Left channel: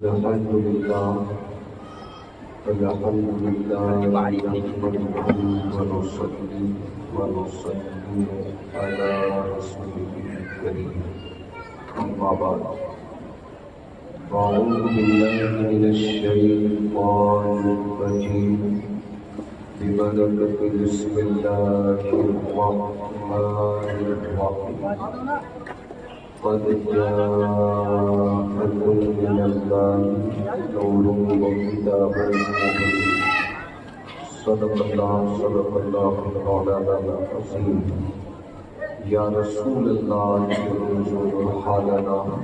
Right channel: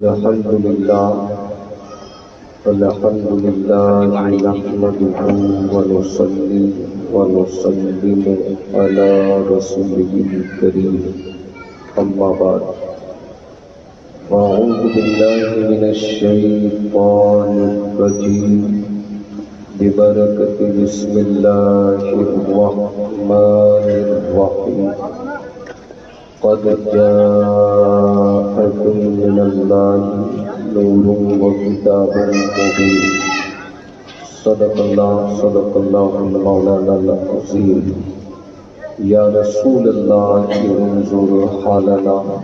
الحمد لله نحمده ونصلي ونسلم على رسوله الكريم أما بعد أعوذ بالله من الشيطان الرجيم ببركة بسم الله الرحمن الرحيم قد جاءكم من الله نور وكتاب مبين صدق الله مولانا العظيم يا رسول الله انظر حالنا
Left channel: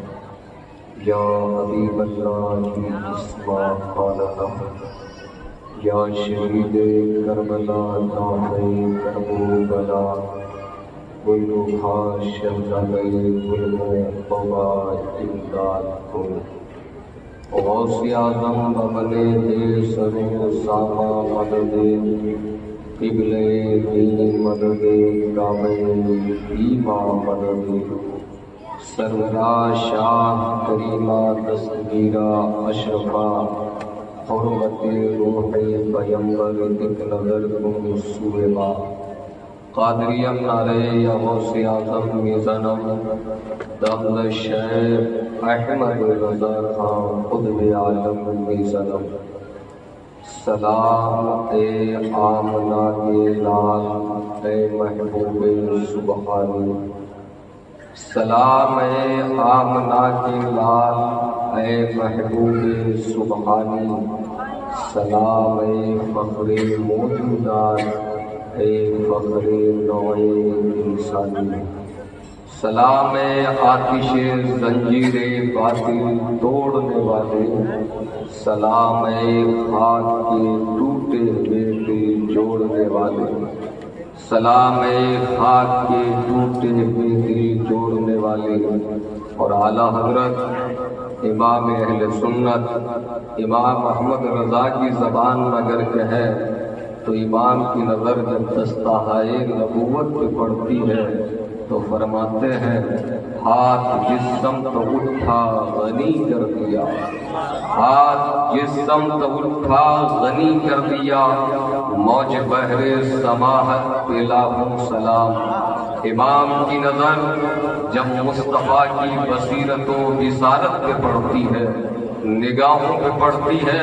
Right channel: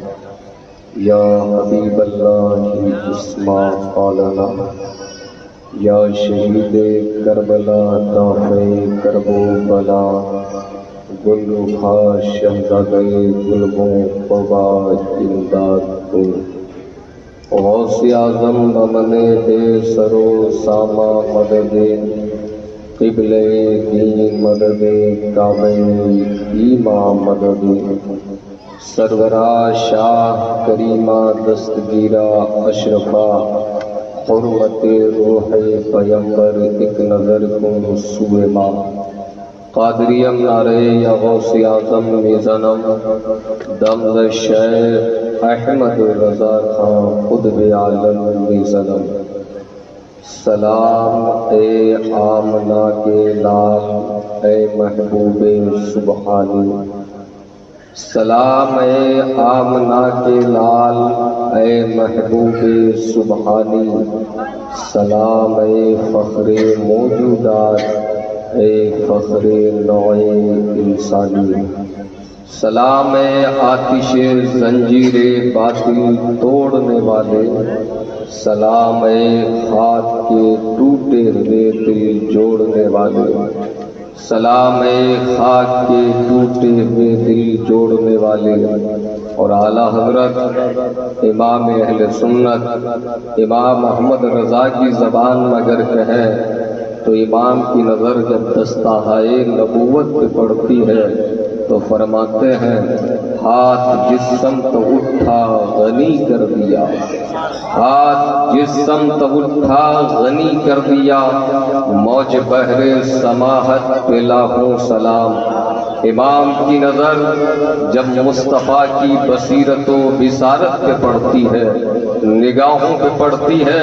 يا حبيب الله اسمع قالنا یا شہید کربلا دافع کرب و بلا گل و خاش شہزادہ ظلم و وبا امداد کن غوث اعظم امن بے سر و سامہ مدد قبلہ دین مدد کعبہ ایماں مدد سرورہ شاہ کریمہ دستگیرہ اشرفہ حرمت روح پیمبر ایک نظر کن سوئے ماں قادریم نعرے یا غوث اعظم میزنم دمد شیخ احمد رضا خان قطب عالم میزنم سلام اے آمنہ کے لال اے محبوب سبحانی سلام اے آمنہ کے لال اے محبوب سبحانی سلام اے فخر موجودات اے فخر نوع انسانی سلام اے آتش زنجیر باطل توڑنے والے سلام اے خاک کے ٹوٹے ہوئے دل جوڑنے والے سلام اے خاک کے ٹوٹے ہوئے دل جوڑنے والے اور اعلیٰ حضرت امام اہل سنت امام احمد رضا کی زبان اگر کہیں تو امام کی نظر جب دستہائے نبوت پہ پڑتی ہے تو فرماتے ہیں ہاتھ جس سمت اٹھا غنی کر دیا ہاتھ جس سمت اٹھا غنی کر دیا موج بحر سماحت پہ لاکھوں سلام امام کی نظر جب مصطفیٰ کی بصیرت و بصارت پہ پڑتی ہے نگاہوں پہ پڑتی ہے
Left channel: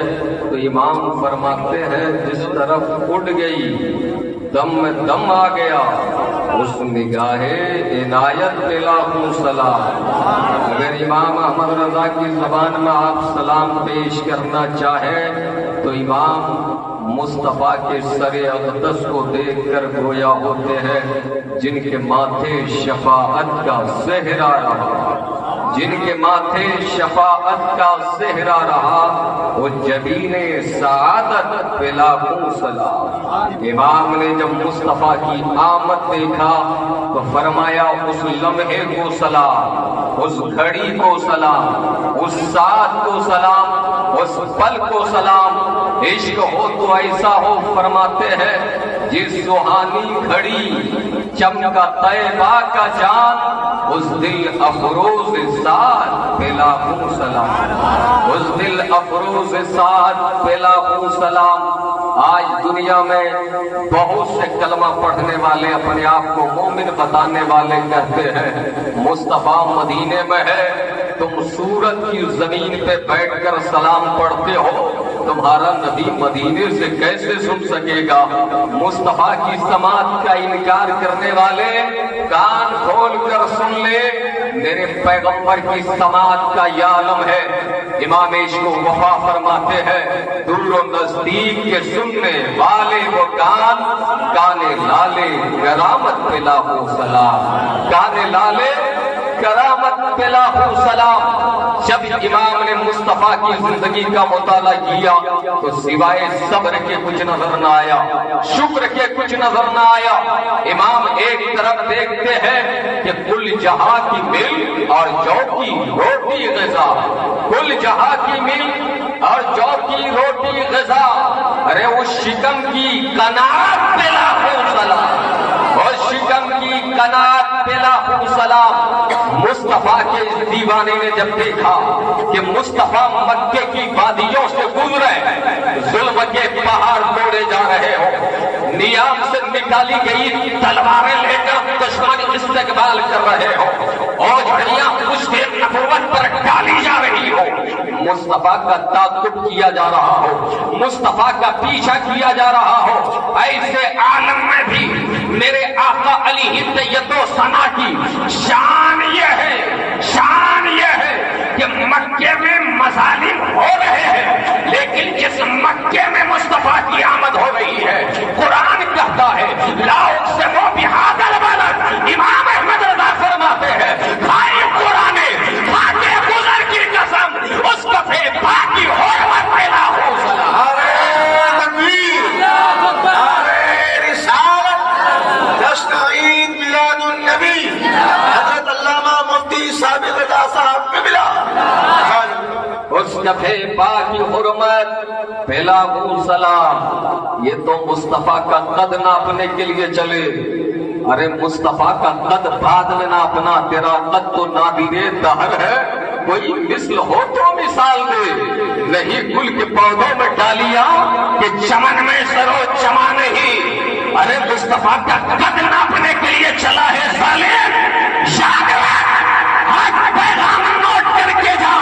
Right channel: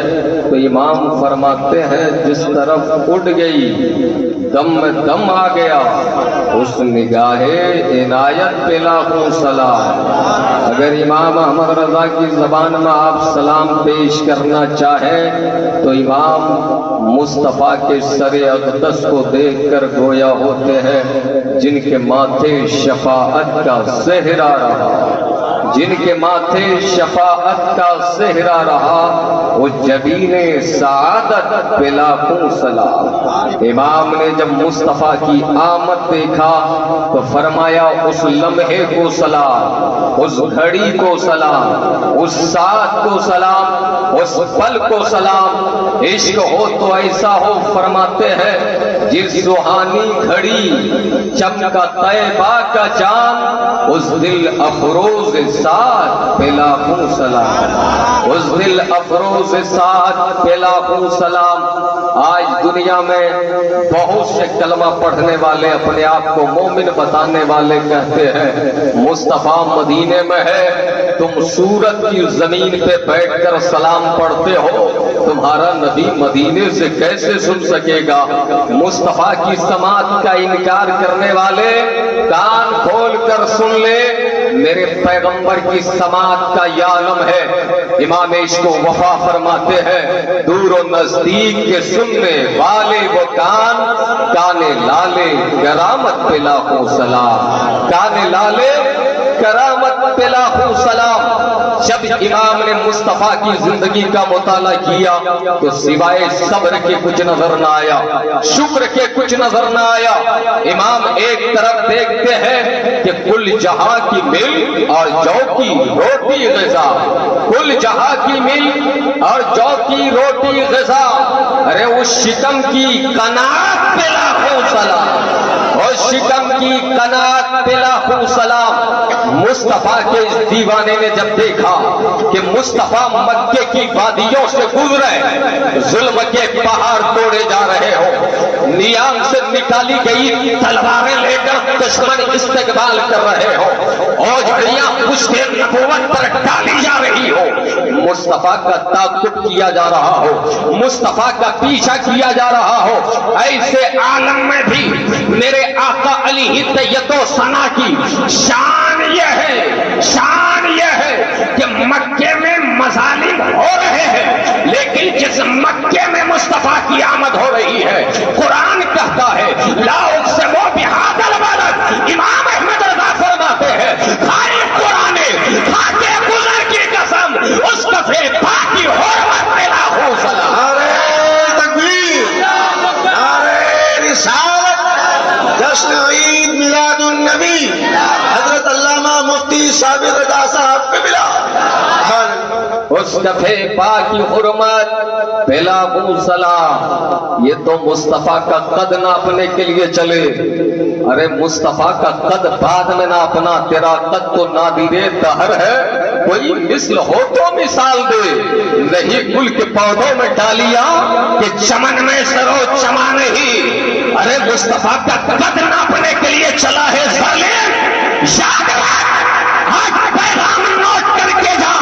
تو امام فرماتے ہیں جس طرف اڑ گئی دم میں دم آ گیا اس نگاہ عنایت پہ لاکھوں سلام اگر امام احمد رضا کی زبان میں آپ سلام پیش کرنا چاہیں تو امام مصطفیٰ کے سر اقدس کو دیکھ کر گویا ہوتے ہیں جن کے ماتھے شفاعت کا صحرا رہا جن کے ماتھے شفاعت کا صحرا رہا وہ جبین سعادت پہ لاکھوں سلام امام نے جب مصطفیٰ کی آمد دیکھا تو فرمایا اس لمحے کو سلام اس گھڑی کو سلام اس ساعت کو سلام اس پل کو سلام عشق ہو تو ایسا ہو فرماتے ہیں جس روحانی گھڑی چمکا طیبہ کا چاند اس دل افروز ساتھ پہ لاکھوں سلام اس دل افروز ساتھ پہ لاکھوں سلام آج دنیا میں بہت سے کلمہ پڑھنے والے اپنے آپ کو مومن بتانے والے کہتے ہیں مصطفیٰ مدینے میں ہے تم سورت کی زمین پہ بیٹھ کر سلام پڑھتے ہو تمہارا نبی مدینے سے کیسے سن سکے گا مصطفیٰ کی سماعت کا انکار کرنے والے کان کھول کر سن لے میرے پیغمبر کی سماعت کا یہ عالم ہے امام عشق و وفا فرماتے ہیں دور و نزدیک کے سننے والے وہ کان کانے لالے کرامت پہ لاکھوں سلام کانے لالے کرامت پہ لاکھوں سلام جب امام نے مصطفیٰ کی زندگی کا مطالعہ کیا تو سوائے صبر کے کچھ نظر نہ آیا شکر کے کچھ نظر نہ آیا امام ایک طرف دیکھتے ہیں کہ کل جہاں کی مل اور جو کی روٹی غذا کل جہاں کی مل اور جو کی روٹی غذا ارے اس شکم کی قناعت پہ لاکھوں سلام اور شکم کی کنات تیلا خون سلام. مصطفیٰ کے اس دیوانے نے جب دیکھا کہ مصطفیٰ مکے کی وادیوں سے گزرے، ظلم کے پہاڑ توڑے جا رہے ہو، نیام سے نکالی گئی تلواریں لے کر دشمن استقبال کر رہے ہو، اور جھڑیاں پشتے نبوت پر ڈالی جا رہی ہو، مصطفیٰ کا تعاقب کیا جا رہا ہو، مصطفیٰ کا پیچھا کیا جا رہا ہو، ایسے عالم میں بھی میرے آقا علی طیب و ثنا کی شان یہ ہے کہ مکے میں مظالم ہو رہے ہیں، لیکن جس مکے میں مصطفیٰ کی آمد ہو رہی ہے، قرآن کہتا ہے لا اقسم بہذا البلد، امام احمد رضا فرماتے ہیں بھائی قرآن خاکے گزر کی قسم اس کفے باقی حرمت پیدا ہو سلا. جشن عید میلاد النبی حضرت علامہ مفتی ثابت رضا صاحب پہ ملا. اس کفے پاکی حرمت پہلا سلام. یہ تو مصطفیٰ کا قد ناپنے کے لیے چلے. ارے مصطفیٰ کا قد بعد میں ناپنا، تیرا قد تو نادرے دہر ہے، کوئی مثل ہو تو مثال دے. نہیں گل کے پودوں میں ڈالیاں کہ چمن میں سرو چما نہیں. ارے مصطفیٰ کا قد ناپنے کے لیے چلا ہے ظالم، یاد رکھ آج پیغام نوٹ کر کے جا.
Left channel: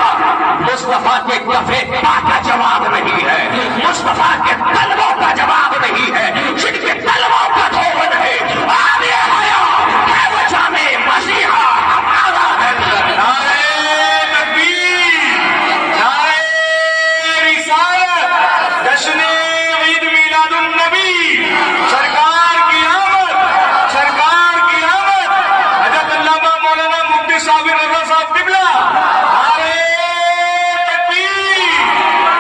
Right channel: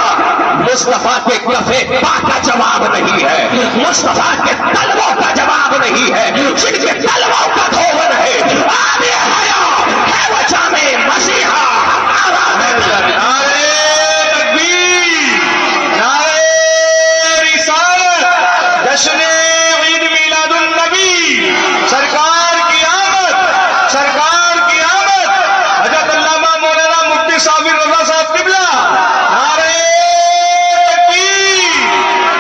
مصطفیٰ کے کفے پا کا جواب نہیں ہے، مصطفیٰ کے طلبوں کا جواب نہیں ہے، جن کے طلبوں کا دھون ہے آب حیا ہے وہ جامع مسیحا ہمارا ہے. نعرہ تکبیر، نعرہ رسالت، جشن عید میلاد النبی، سرکار کی آمد، سرکار کی آمد. حضرت علامہ مولانا مفتی ثابت رضا صاحب قبلہ. نعرہ تکبیر،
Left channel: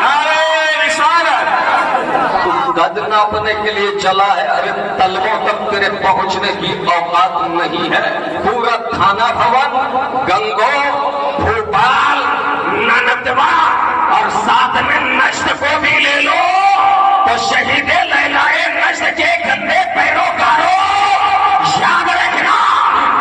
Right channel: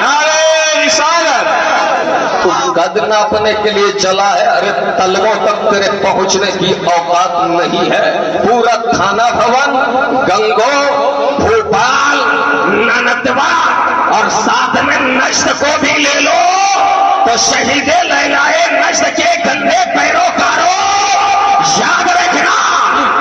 نعرہ رسالت. قد ناپنے کے لیے چلا ہے. ارے طلبوں تک تیرے پہنچنے کی اوقات نہیں ہے. پورا تھانہ بھون، گنگو، بھوپال، نندوا اور ساتھ میں نشت کو بھی لے لو تو شہید لیلائے نشت کے گندے پیروکاروں یاد رکھنا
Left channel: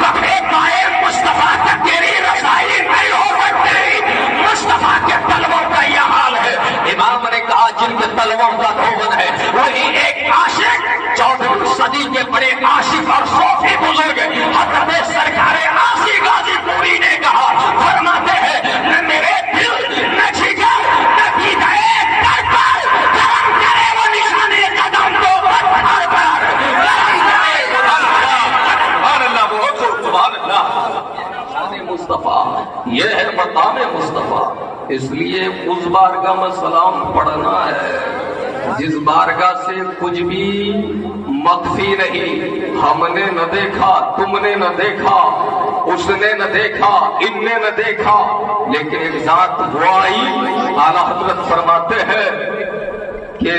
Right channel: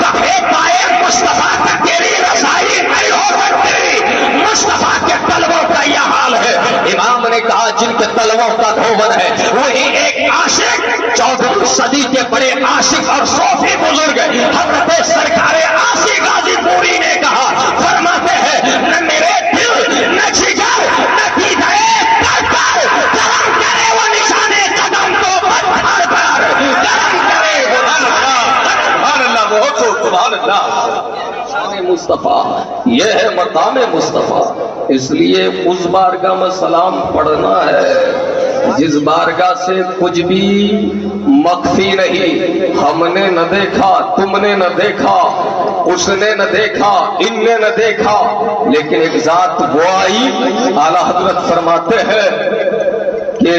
کبھی پائے مصطفیٰ کا تیری رسائی نہیں ہو سکتی. مصطفیٰ کے طلبوں کا یہ حال ہے. امام نے کہا جن کے طلبوں کا دھون ہے وہی ایک عاشق 14ویں صدی کے بڑے عاشق اور صوفی بزرگ حضرت سرکار عاصی غازی پوری نے کہا، فرماتے ہیں نہ میرے دل نہ جگر نہ دیدائے کر کرم کرے وہ نشانے قدم کو پتھر پر کرم کرے وہ سبحان اللہ، بہت خوب، سبحان اللہ. مصطفیٰ یہ ہے مقام مصطفیٰ. اس لیے اس بارگاہ میں سلام پڑھنا ہے جس بارگاہ سے کچھ بھی مخفی نہیں. ہم نے نہ دیکھا، تم نے نہ دیکھا، اس نے نہ دیکھا، ان نے نہ دیکھا، لیکن ایک ذات وہ آئی. اعلیٰ حضرت فرماتے ہیں کہ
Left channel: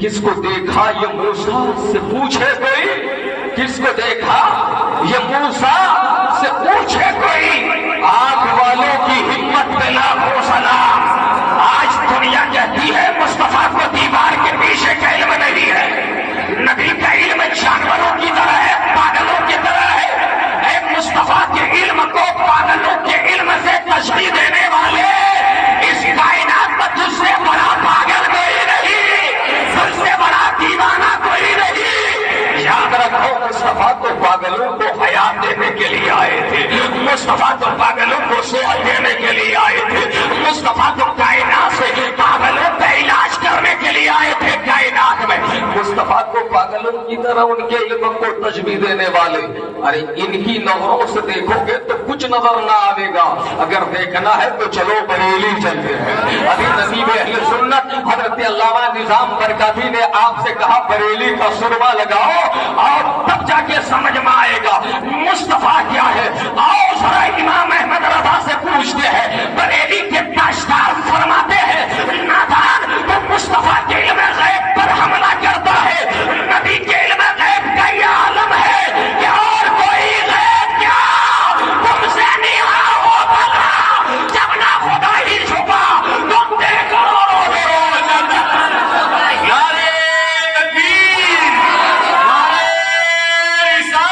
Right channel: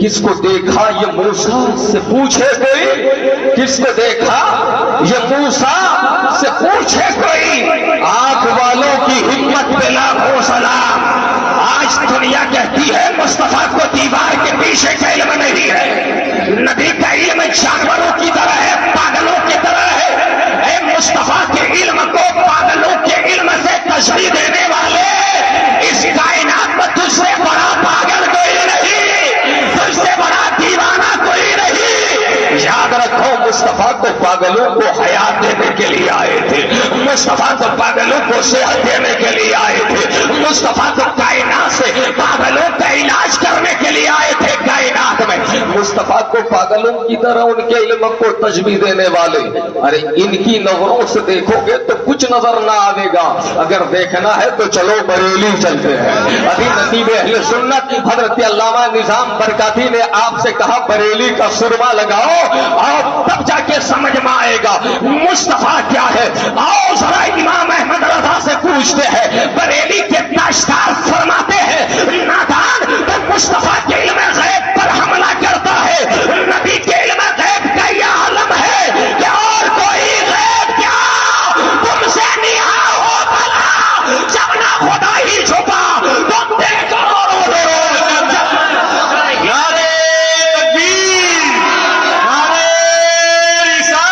کس کو دیکھا یہ موسیٰ سے پوچھے کوئی، کس کو دیکھا یہ موسیٰ سے پوچھے کوئی. آنکھ والوں کی ہمت پہ لاکھوں سلام. آج دنیا کہتی ہے مصطفیٰ کو دیوار کے پیچھے کا علم نہیں ہے. نبی کا علم جانوروں کی طرح ہے، پاگلوں کی طرح ہے. اے مصطفیٰ کے علم کو پاگلوں کے علم سے تشبیہ دینے والے، اس کائنات میں تجھ سے بڑا پاگل کوئی نہیں، تجھ سے بڑا دیوانہ کوئی نہیں. یاد رکھو مصطفیٰ کو پاگلوں کو حیات دینے کے لیے آئے تھے، مصطفیٰ کو پاگلوں کو صحت دینے کے لیے آئے تھے، مصطفیٰ کو کائنات سے پاگلوں کا علاج کرنے کے لیے آئے تھے. کائنات میں مصطفیٰ کو پاگلوں کی طرح ان کے علم کو تشبیہ دینے والے. ارے ان کی نظروں سے دیکھو گے تو کچھ نظر نہ آئے گا. اگر دیکھنا ہے تو چلو بریلی چلتے ہیں. ابھی نصیب اہل سنت حضرت علامہ نظام برکاتی نے آپ سے کہا بریلی کا سرما لگاؤ اور تب جا کے سمجھ میں آئے گا مصطفیٰ کیا ہے. آؤ ذرا امام احمد رضا سے پوچھتے ہیں. بریلی کے تاشدار فرماتے ہیں نادان تو مصطفیٰ کے علم غیب پر حملہ کرتا ہے. نبی کے علم غیب کا یہ عالم ہے کہ اور کوئی غیب کیا تم سے نہا ہو بلا جب نہ خدا ہی چھپا تم دیکھو. نعرہ تکبیر، نعرہ رسالت.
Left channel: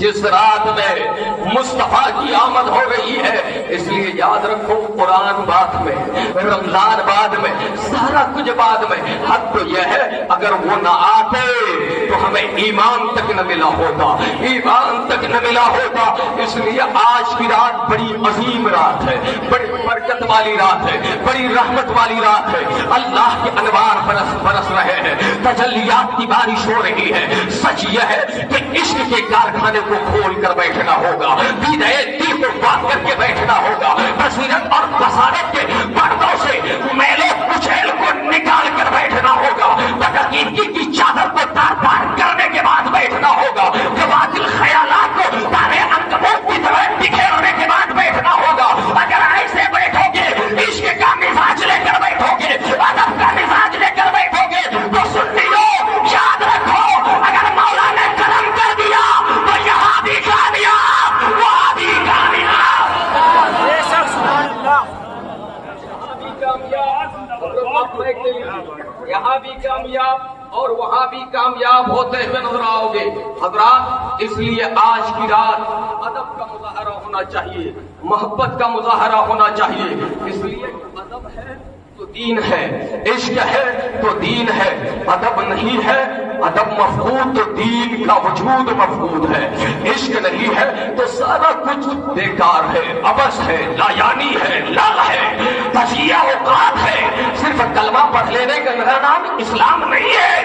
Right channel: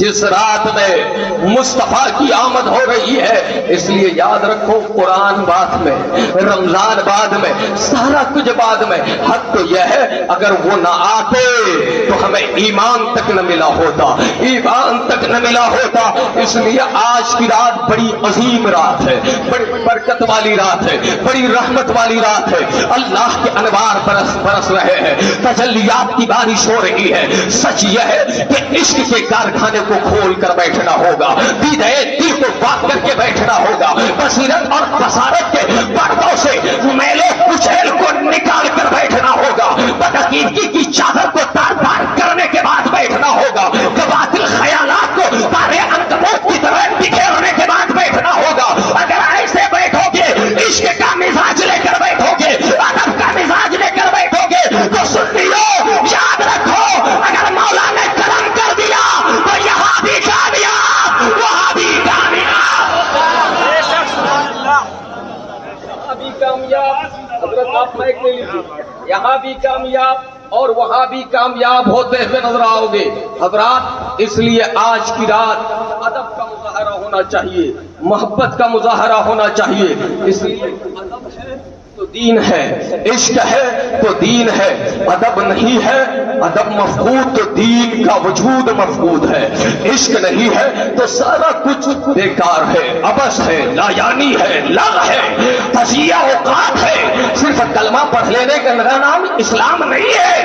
جس رات میں مصطفیٰ کی آمد ہو رہی ہے، اس لیے یاد رکھو قرآن بعد میں، رمضان بعد میں، سارا کچھ بعد میں، حق تو یہ ہے اگر وہ نہ آتے تو ہمیں ایمان تک نہ ملا ہوتا، ایمان تک نہ ملا ہوتا۔ اس لیے آج کی رات بڑی عظیم رات ہے، بڑی برکت والی رات ہے، بڑی رحمت والی رات ہے۔ اللہ کے انوار برس رہے ہیں، تجلیات کی بارش ہو رہی ہے۔ سچ یہ ہے کہ عشق کے کارخانے کو کھول کر بیٹھنا ہوگا، دیدے دل کو پاک کر کے بیٹھنا ہوگا، بصیرت اور بصارت کے پردوں سے میلے کچیل کو نکال کر بیٹھنا ہوگا، بدعقیدگی کی چادر کو تار تار کرنے کے بعد بیٹھنا ہوگا، باطل خیالات کو تارے عنکبوت کی طرح بکھیرنے کے بعد بیٹھنا ہوگا۔ اگر ایسے بیٹھو گے، عشق کا مزاج لے کر بیٹھو گے، ادب کا مزاج لے کر بیٹھو گے تو سنیو یاد رکھو، اگر مولا نے کرم کر دیا تو یہاں بھی کامیاب، وہاں بھی کامیاب، یہاں بھی کامیاب، یہاں بھی کامیاب اور وہاں بھی کامیاب ہوتے ہوئے نظر آؤ گے حضرات۔ اس لیے آج کی رات ادب کا مظاہرہ ہونا چاہیے، محبت کا مظاہرہ ہونا چاہیے۔ اس لیے ادب ہے تو دین ہے، عشق ہے تو دین ہے، ادب نہیں ہے، ادب مفقود تو دین کا وجود مفقود ہے، عشق نہیں ہے تو سارا کچھ بیکار ہے، عبث ہے، لا یعنی ہے، لغ ہے، تضییع اوقات ہے، صرف کلمہ پڑھ لینے کا نام اسلام نہیں ہے۔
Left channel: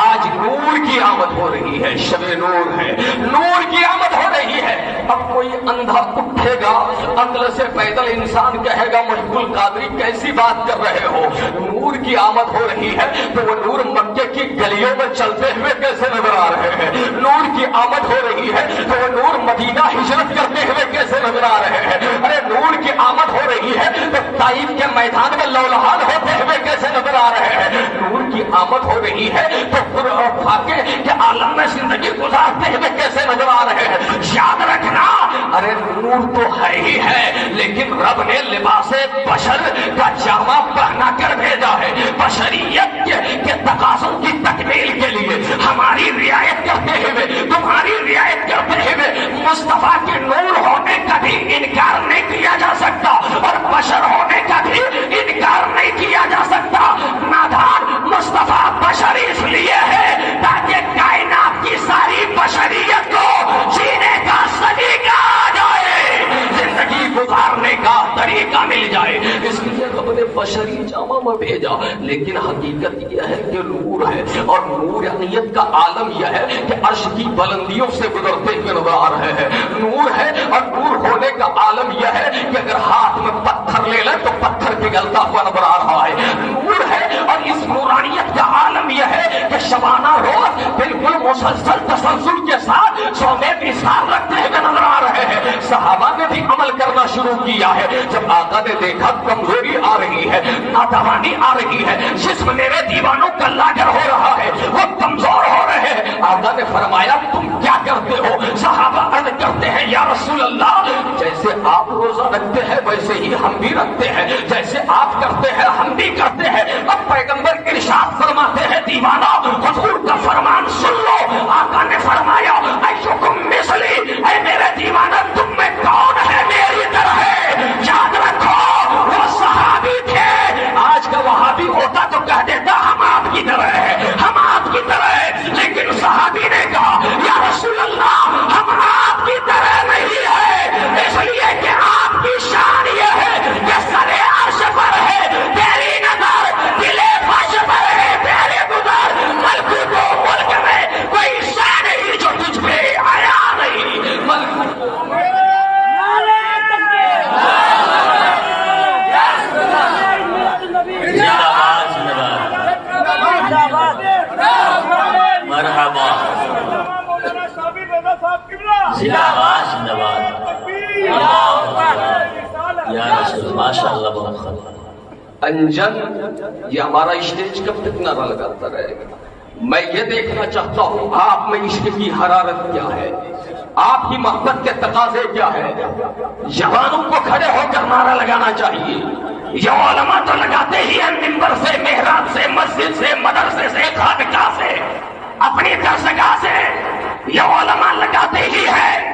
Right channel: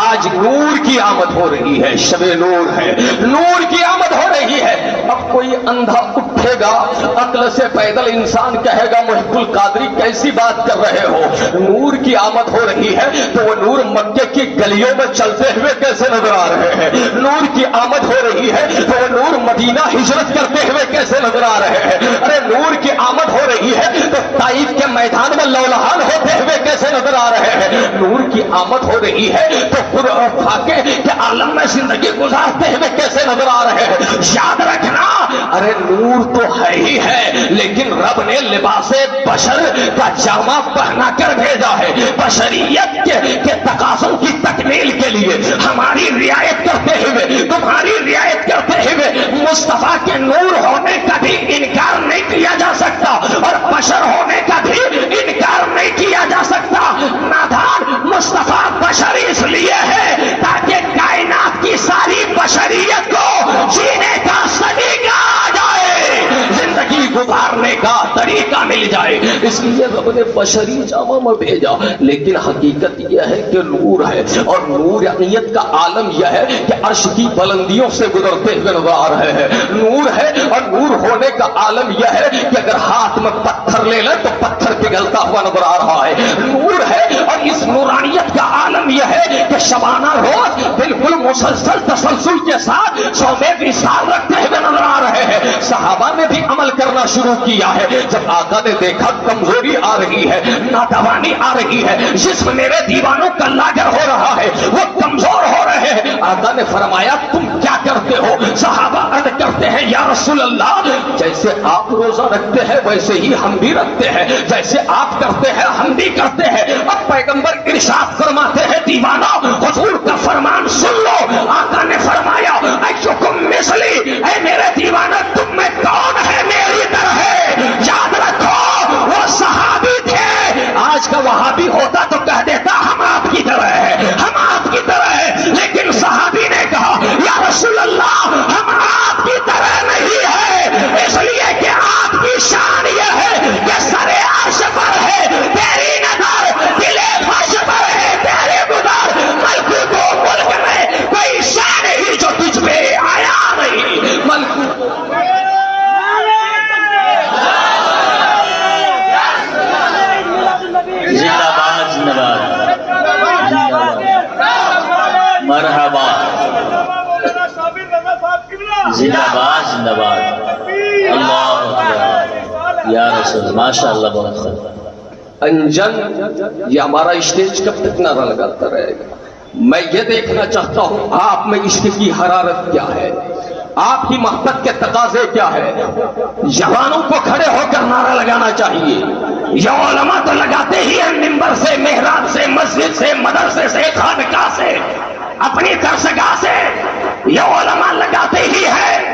آج نور کی آمد ہو رہی ہے، شب نور ہے، نور کی آمد ہو رہی ہے۔ اب کوئی اندھا اٹھے گا، عقل سے پیدل انسان کہے گا محب القادری کیسی بات کر رہے ہو، نور کی آمد ہو رہی ہے تو وہ نور مکے کی گلیوں میں چلتے ہوئے کیسے نظر آ رہے ہیں، نور کی آمد ہو رہی ہے تو وہ نور مدینہ ہجرت کرتے ہوئے کیسے نظر آ رہے ہیں، ارے نور کی آمد ہو رہی ہے تو طائف کے میدان میں لولہان ہوتے ہوئے کیسے نظر آ رہے ہیں، نور کی آمد ہو رہی ہے تو خود اور فاقے کے عالم میں زندگی گزارتے ہوئے کیسے نظر آ رہے ہیں۔ یاد رکھنا، ارے نور تو ہے ہی ہے لیکن رب نے لباس بشر کا جامہ پہنا کر بھیجا ہے، بشریت کے تقاضوں کی تکمیل کے لیے ہماری رعایت کرتے ہوئے، تمہاری رعایت کرتے ہوئے مصطفیٰ کے نور ہونے کا بھی انکار نہیں کیا جا سکتا اور بشر ہونے کا بھی انکار نہیں کیا جا سکتا۔ نادان مصطفیٰ بشر اس لیے ہے تاکہ کائنات کی ساری بشریت کو جینے کا سلیقہ آ جائے، زندگی گزارنے کا طریقہ مل جائے، اس لیے رب نے بشری جامہ میں بھیجا۔ لیکن حقیقت یہ ہے کہ نور ہے اور نورانیت کا عالم یہ ہے کہ عرش کی بلندیوں سے گزرتے ہوئے نظر آ رہے ہیں، نور ہے اور نور ہونے کا عالم یہ ہے کہ اگر ہاتھ میں پتھر لے لیں تو پتھر پگھلتا ہوا نظر آ رہا ہے، نور ہے اور اس نورانیت کا عالم یہ ہے کہ شبانہ روز بالکل مسلسل تسلسل کے ساتھ صوبے وصال رکھتے ہوئے نظر آ رہے ہیں۔ صحابہ نے بھی عمل کرنا شروع کیا ہے، جب آقا نے دیکھا کمزوری آ رہی ہے، ناتوانی آ رہی ہے، جسم میرے دیوانوں کا لاجر ہو رہا ہے، وہ کمزور ہو رہے ہیں، آقا نے فرمایا تم کیا کرتے ہو؟ صحابہ عرض کرتے ہیں یا رسول اللہ جیسے آپ روزہ رکھتے ہیں ویسے ہی ہم بھی رکھتے ہیں، جیسے آپ کرتے ہیں ہم بھی کرتے ہیں۔ اب پیغمبر ارشاد فرماتے ہیں دیوانہ حضور کا فرمان سن لو، آقا نے فرمایا ایکم مثلی، اے میرے دیوانہ تم میں کون ہے میری طرح ہے؟ یاد رکھو وہ صحابی تھے، آج کا وہابی ہوتا تو کہہ دیتا ہم آپ کی طرح ہے، ہم آپ کی طرح ہے، لیکن صحابی نے کہا یا رسول اللہ ہم آپ کی طرح نہیں ہے، اس لیے کہ آپ کی شان یہ ہے کہ سر عرش پر ہے تیری نظر، دل فرش پر ہے تیرے گزر، ملکوت و ملک میں کوئی شان ہی جو تجھ پہ آیا نہیں، ملکوت مرحبا زندہ باد زندہ باد اللہ اکبر یا رسول ماشاء اللہ بہت خوب۔ انجن یہ ہمارا اسٹیج کب تک نعرہ لگاتا رہے گا؟ میں یہ دیکھنا چاہتا ہوں آپ میں عشق کی حرارت کیا ہے، آپ کی محبت کے تقاضے کیا ہے۔ جوانوں کو کھڑے ہو کر نعرہ لگانا چاہیے، یہ علماء تو لگاتے ہی ہیں، منبر سے، محراب سے، مسجد سے، مدرسے سے، خانقاہ سے، اپنی درسگاہ سے، یہ علماء لگاتے ہی ہیں،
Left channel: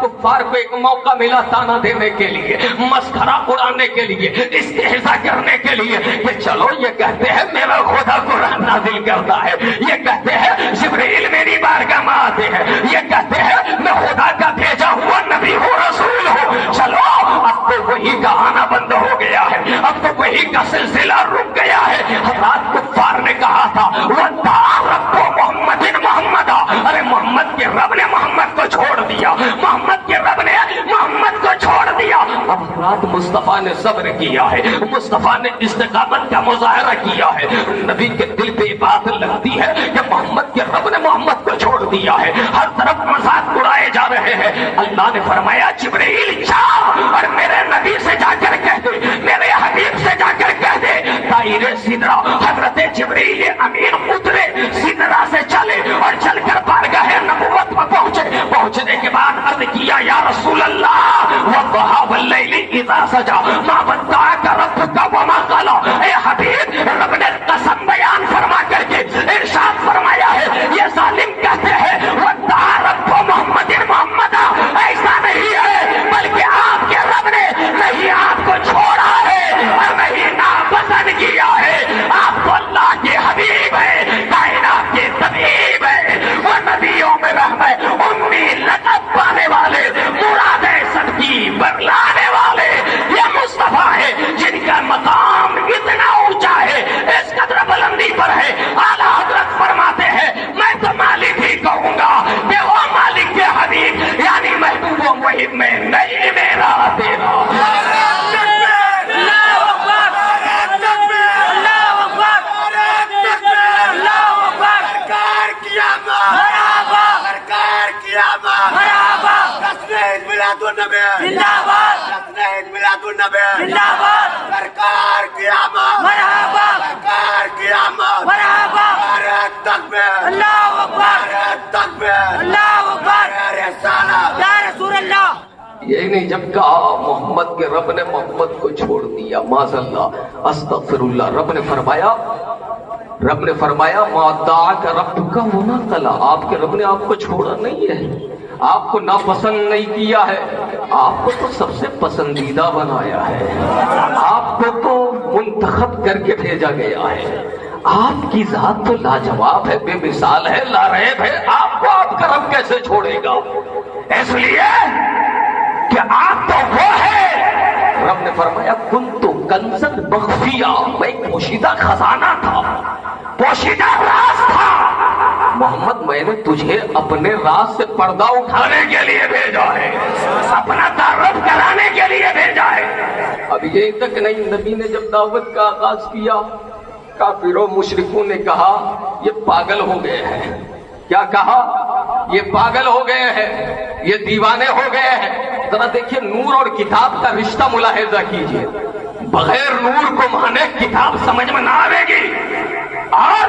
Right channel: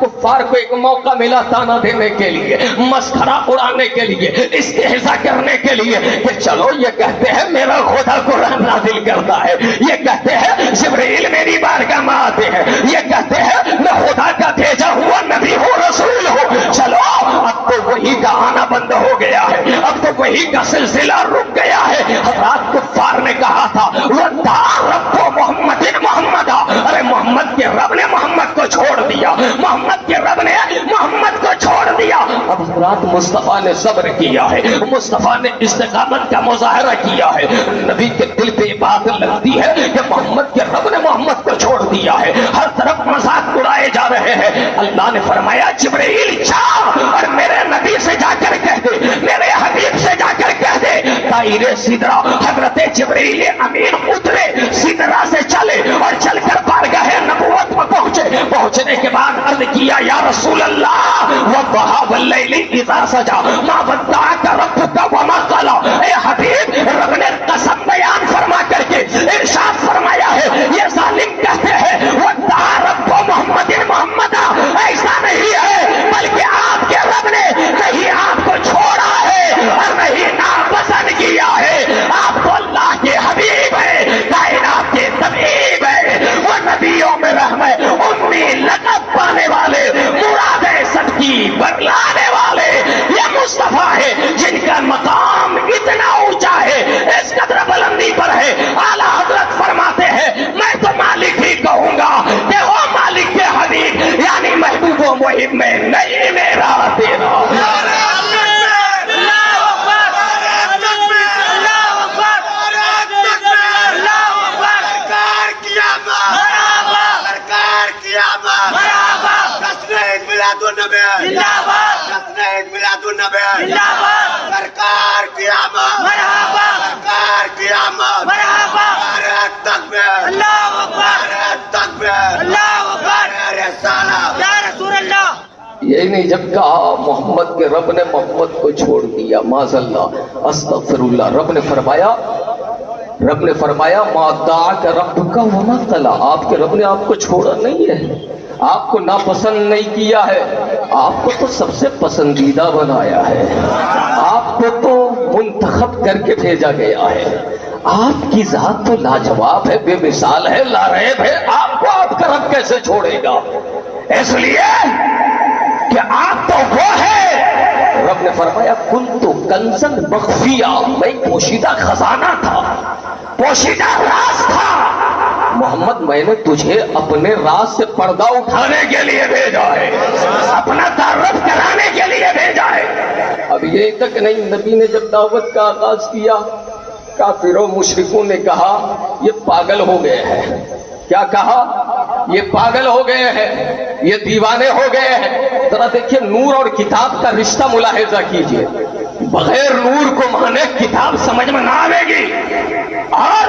کفار کو ایک موقع ملا تانا دینے کے لیے، مسخرہ اڑانے کے لیے، استہزاء کرنے کے لیے کہ چلو یہ کہتے ہیں میرا خدا قرآن نازل کرتا ہے، یہ کہتے ہیں جبرائیل میری بارگاہ میں آتے ہیں، یہ کہتے ہیں میں خدا کا بھیجا ہوا نبی ہوں، رسول ہوں، چلو اب تو وہی کا آنا بند ہو گیا ہے، اب تو وہی کا سلسلہ رک گیا ہے۔ حضرات کفار نے کہا تھا وَدَّعَ رَبُّ مُحَمَّدٍ مُحَمَّدًا، ارے محمد کے رب نے محمد کو چھوڑ دیا، محمد کے رب نے محمد کو چھوڑ دیا۔ اب حضرات مصطفیٰ نے صبر کیا ہے، مصطفیٰ نے استقامت کا مظاہرہ کیا ہے، نبی کے دل پہ یہ بات لگتی ہے کہ محمد کے رب نے محمد کو چھوڑ دیا ہے، ہر طرف مذاق اڑائے جا رہے ہیں۔ اللہ نے فرمایا جبرائیل جا اور میرے نبی سے جا کر کہہ دے، میرے حبیب سے جا کر کہہ دے طائر سدرہ، حضرت جبرائیل امین اترے سدرہ سے چلے اور چل کر بارگاہ نبوت میں پہنچنے کے بعد عرض کیا یا رسول اللہ وَالضُّحَىٰ وَاللَّيْلِ إِذَا سَجَىٰ مَا وَدَّعَكَ رَبُّكَ وَمَا قَلَىٰ، اے حبیب رب نے قسم بیان فرما کر کے ارشاد فرمایا ہے، یہ ظالم کہتے ہیں وَدَّعَ رَبُّ مُحَمَّدٍ مُحَمَّدًا، ایسا نہیں ہے بلکہ آپ کے رب نے نہیں آپ کو چھوڑا ہے اور نہیں ناپسند کیا ہے، آپ تو اللہ کے حبیب ہے، کائنات کے طبیب ہے، وہ نبیوں میں رحمت امی لقب پانے والے، مراد سب کی برلانے والے، یہ مصطفیٰ ہے جن کا مقام اتنا اونچا ہے، اس قدر بلندی پر ہے، اعلیٰ حضرت فرماتے ہیں میں تو مالک ہی کہوں گا کہ وہ مالک کے حبیب یعنی محبوب و محب میں نہیں میرا تیرا۔ سرکار قیامت، سرکار قیامت، نعرہ تکبیر، نعرہ تکبیر، نعرہ رسالت، یا رسول اللہ۔ یہی نہیں جب کہا محمد کے رب نے محمد کو چھوڑ دیا، معاذ اللہ استغفر اللہ، رب نے فرمایا ما ودعک ربک وما قلی، آپ کے رب نے آپ کو چھوڑا نہیں ہے، آپ کو ناپسند نہیں کیا ہے، آپ کو تو سب سے پسندیدہ بنایا ہے، آپ کو تو منتخب کر کے بھیجا گیا ہے، آپ کی ذات تو لاجواب ہے، بے مثال ہے، لا ریب ہے، آپ کو آپ کا رب کیسے چھوڑے گا؟ اس لیے کہ آپ تو وہ ہے، رب نے فرمایا کنت کنزا مخفیا، میں پوشیدہ خزانہ تھا، پوشیدہ راز تھا، محمد میں نے تجھے اپنے راز سے پردہ اٹھانے کے لیے بھیجا ہے، اپنا تعارف کرانے کے لیے بھیجا ہے۔ اب یہ تک نہیں، نبی نے جب دعوت کا آغاز کیا کافروں مشرکوں نے کہا یہ پاگل ہو گئے ہیں، کیا کہا؟ یہ پاگل ہو گئے ہیں، یہ دیوانے ہو گئے ہیں۔ ذرا دیکھیے نور اور کتاب کا رشتہ ملاحظہ کیجئے، بغیر نور کو مانے کتاب سمجھ میں نہ آئے گی، اور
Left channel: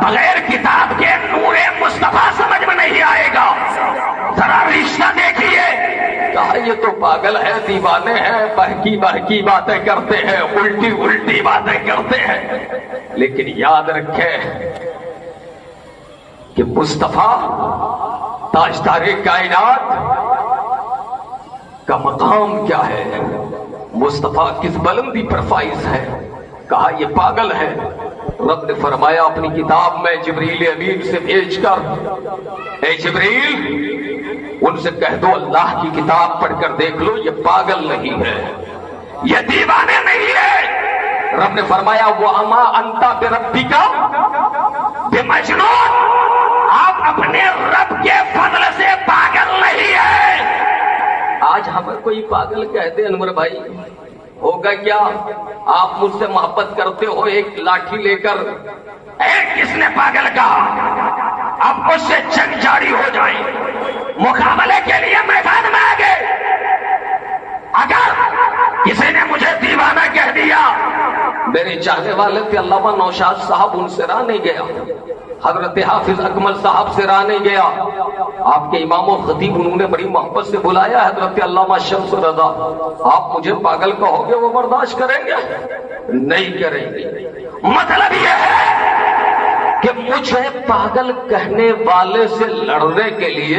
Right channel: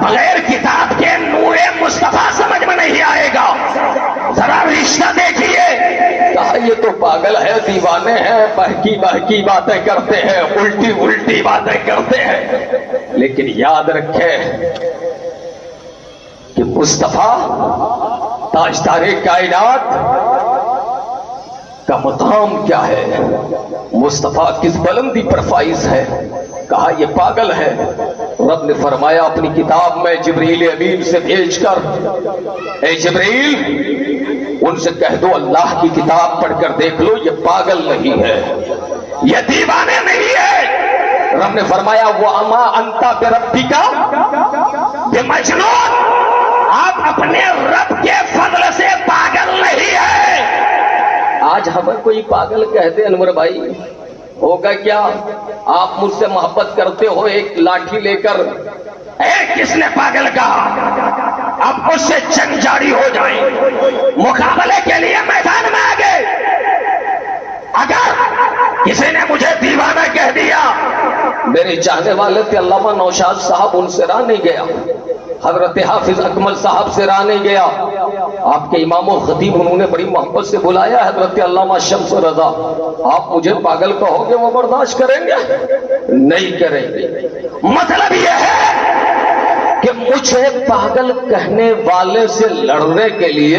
بغیر کتاب کے نور مصطفیٰ سمجھ میں نہیں آئے گا۔ ذرا رشتہ دیکھیے، کہا یہ تو پاگل ہے، دیوانے ہیں، بہکی بہکی باتیں کرتے ہیں، الٹی الٹی باتیں کرتے ہیں، لیکن یاد رکھے کہ مصطفیٰ تاجدار کائنات کا مقام کیا ہے، مصطفیٰ کس بلندی پر فائز ہے، کہا یہ پاگل ہے۔ رب نے فرمایا اپنی کتاب میں جبریل امین سے بھیج کر اے جبریل ان سے کہہ دو اللہ کی کتاب پڑھ کر دیکھ لو، یہ پاگل نہیں ہے، یہ دیوانے نہیں ہے۔ رب نے فرمایا وَأَمَا أَنْتَ بِرَبِّكَ بِمَجْنُونٍ، آپ اپنے رب کے فضل سے پاگل نہیں ہے۔ آج ہمیں کوئی پاگل کہتے انور بھائی ہوگا کیا؟ آپ مجھ سے محبت کرتے ہو، ایک لاٹھی لے کر کس نے پاگل کہا؟ اب اس سے جنگ جاری ہو جائیں، مقابلے کے لیے میدان میں آ گئے۔ اگر کسی نے مجھے دیوانہ کہہ دیا، میرے چاہنے والے تھے علامہ نوشاد صاحب، ان سے راہ نہیں گیا، حضرت حافظ اکمل صاحب سے راہ نہیں گیا، آپ کے امام و خطیب انہوں نے بڑی محبت سے بلایا حضرت علامہ شمس رضا، آپ مجھے پاگل کہو گے وہ برداشت کریں گے؟ نہیں کریں گے۔ مطلب یہ ہے کہ مجھے پاگل کہنے والے سے لڑنے کے لیے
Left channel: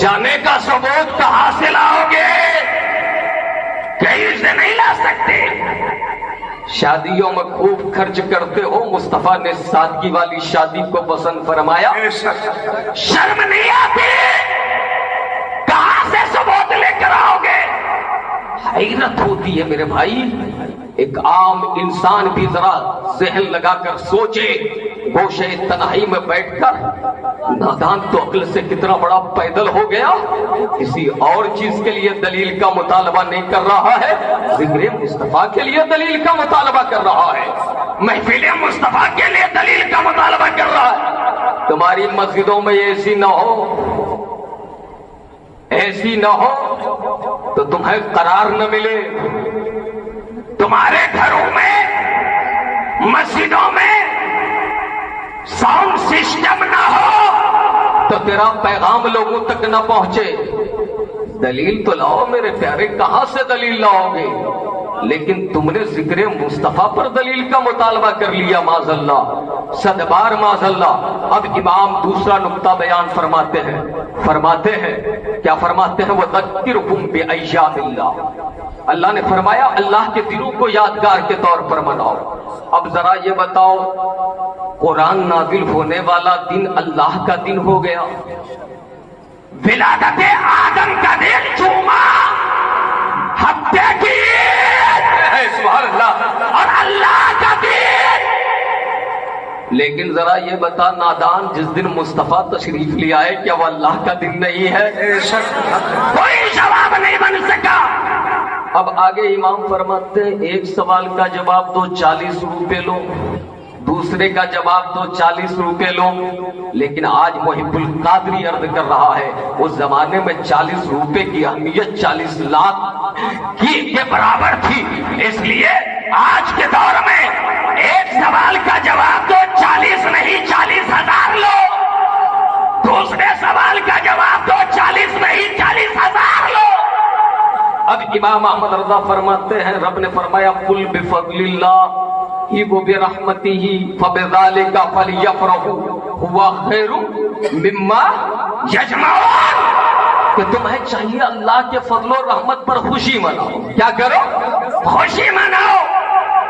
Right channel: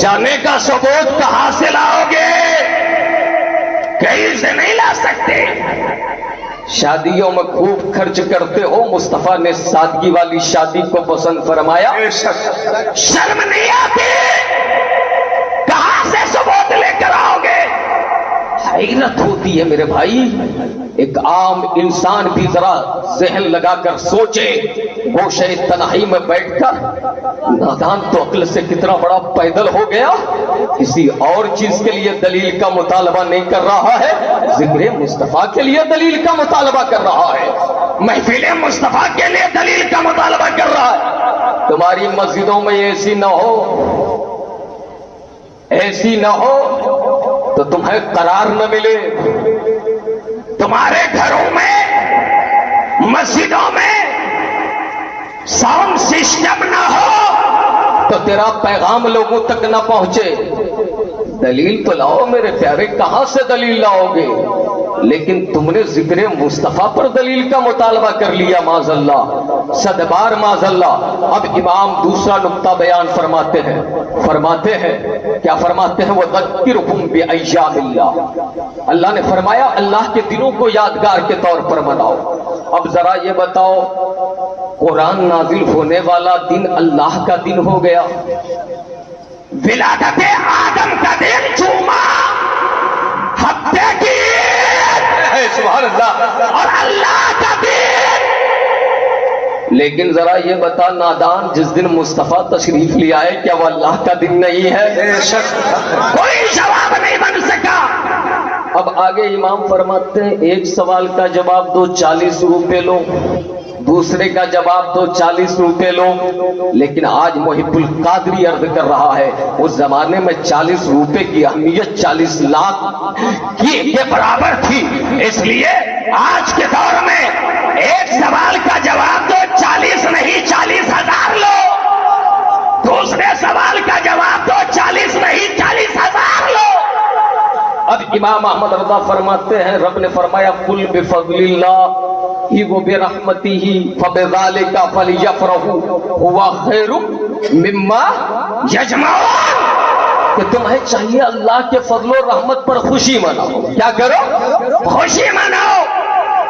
جانے کا ثبوت کہاں سے لاؤ گے؟ کہیں سے نہیں لا سکتے۔ شادیوں میں خوب خرچ کرتے ہو، مصطفیٰ نے سادگی والی شادی کو پسند فرمایا۔ شرم نہیں آتی؟ کہاں سے ثبوت لے کر آؤ گے؟ حیرت ہوتی ہے میرے بھائی، ایک عام انسان بھی ذرا ذہن لگا کر سوچے، گوشے تنہائی میں بیٹھ کر نادان تو عقل سے کتنا بڑا پیدل ہو گیا، کسی اور چیز کے لیے دلیل کا مطالبہ نہیں کر رہا ہے، ذکر مصطفیٰ کے لیے دلیل کا مطالبہ کر رہا ہے، محفل مصطفیٰ کے لیے دلیل کا مطالبہ کر رہا ہے۔ تمہاری مسجدوں میں ایسی نہ ہو، ایسی نہ ہو تو تمہیں قرار نہ ملے، تمہارے گھروں میں مسجدوں میں ساؤنڈ سسٹم نہ ہو تو تیرا پیغام لوگوں تک نہ پہنچے۔ دلیل تو لاؤ میرے پیارے، کہاں سے دلیل لاؤ گے؟ لیکن تم نے ذکر مصطفیٰ پر دلیل کا مطالبہ کر لیا، معاذ اللہ، صد بار معاذ اللہ۔ اب امام دوسرا نقطہ بیان فرماتے ہیں، کیا فرماتے ہیں؟ وَذَكِّرْهُمْ بِأَيَّامِ اللَّهِ، اللہ نے فرمایا اللہ کے دنوں کو یادگار کے طور پر مناؤ۔ اب ذرا یہ بتاؤ، قرآن نازل ہونے والا دن اللہ کا دن ہو گیا، ولادت آدم کا دن جمعہ، ہفتے کی سبحان اللہ اور اللہ کا دن۔ لیکن ذرا یہ بتا نادان، جس دن مصطفیٰ تشریف لے آئے کیا وہ اللہ کا دن نہیں ہے؟ کوئی جواب نہیں بن سکا۔ اب آگے امام فرماتے ہیں ایک سوال کا جواب دو 40 روپے لو، دوسرے کا جواب دو 40 روپے لو، لیکن آج محب القادری عرض کر رہا ہے اس زمانے میں 40 روپے کی اہمیت 40 لاکھ کے برابر تھی، اس لیے آج کے دور میں ایک سوال کا جواب دو 40 نہیں 40,000 لو، دوسرے سوال کا جواب دو 40 نہیں 40,000 لو۔ اب امام احمد رضا فرماتے ہیں رب نے فرمایا قل بفضل اللہ وبرحمتہ فبذلک فلیفرحوا هو خیر مما یجمعون، کہ تمہیں چاہیے اللہ کے فضل و رحمت پر خوشی مناؤ۔ کیا کرو؟ خوشی مناؤ۔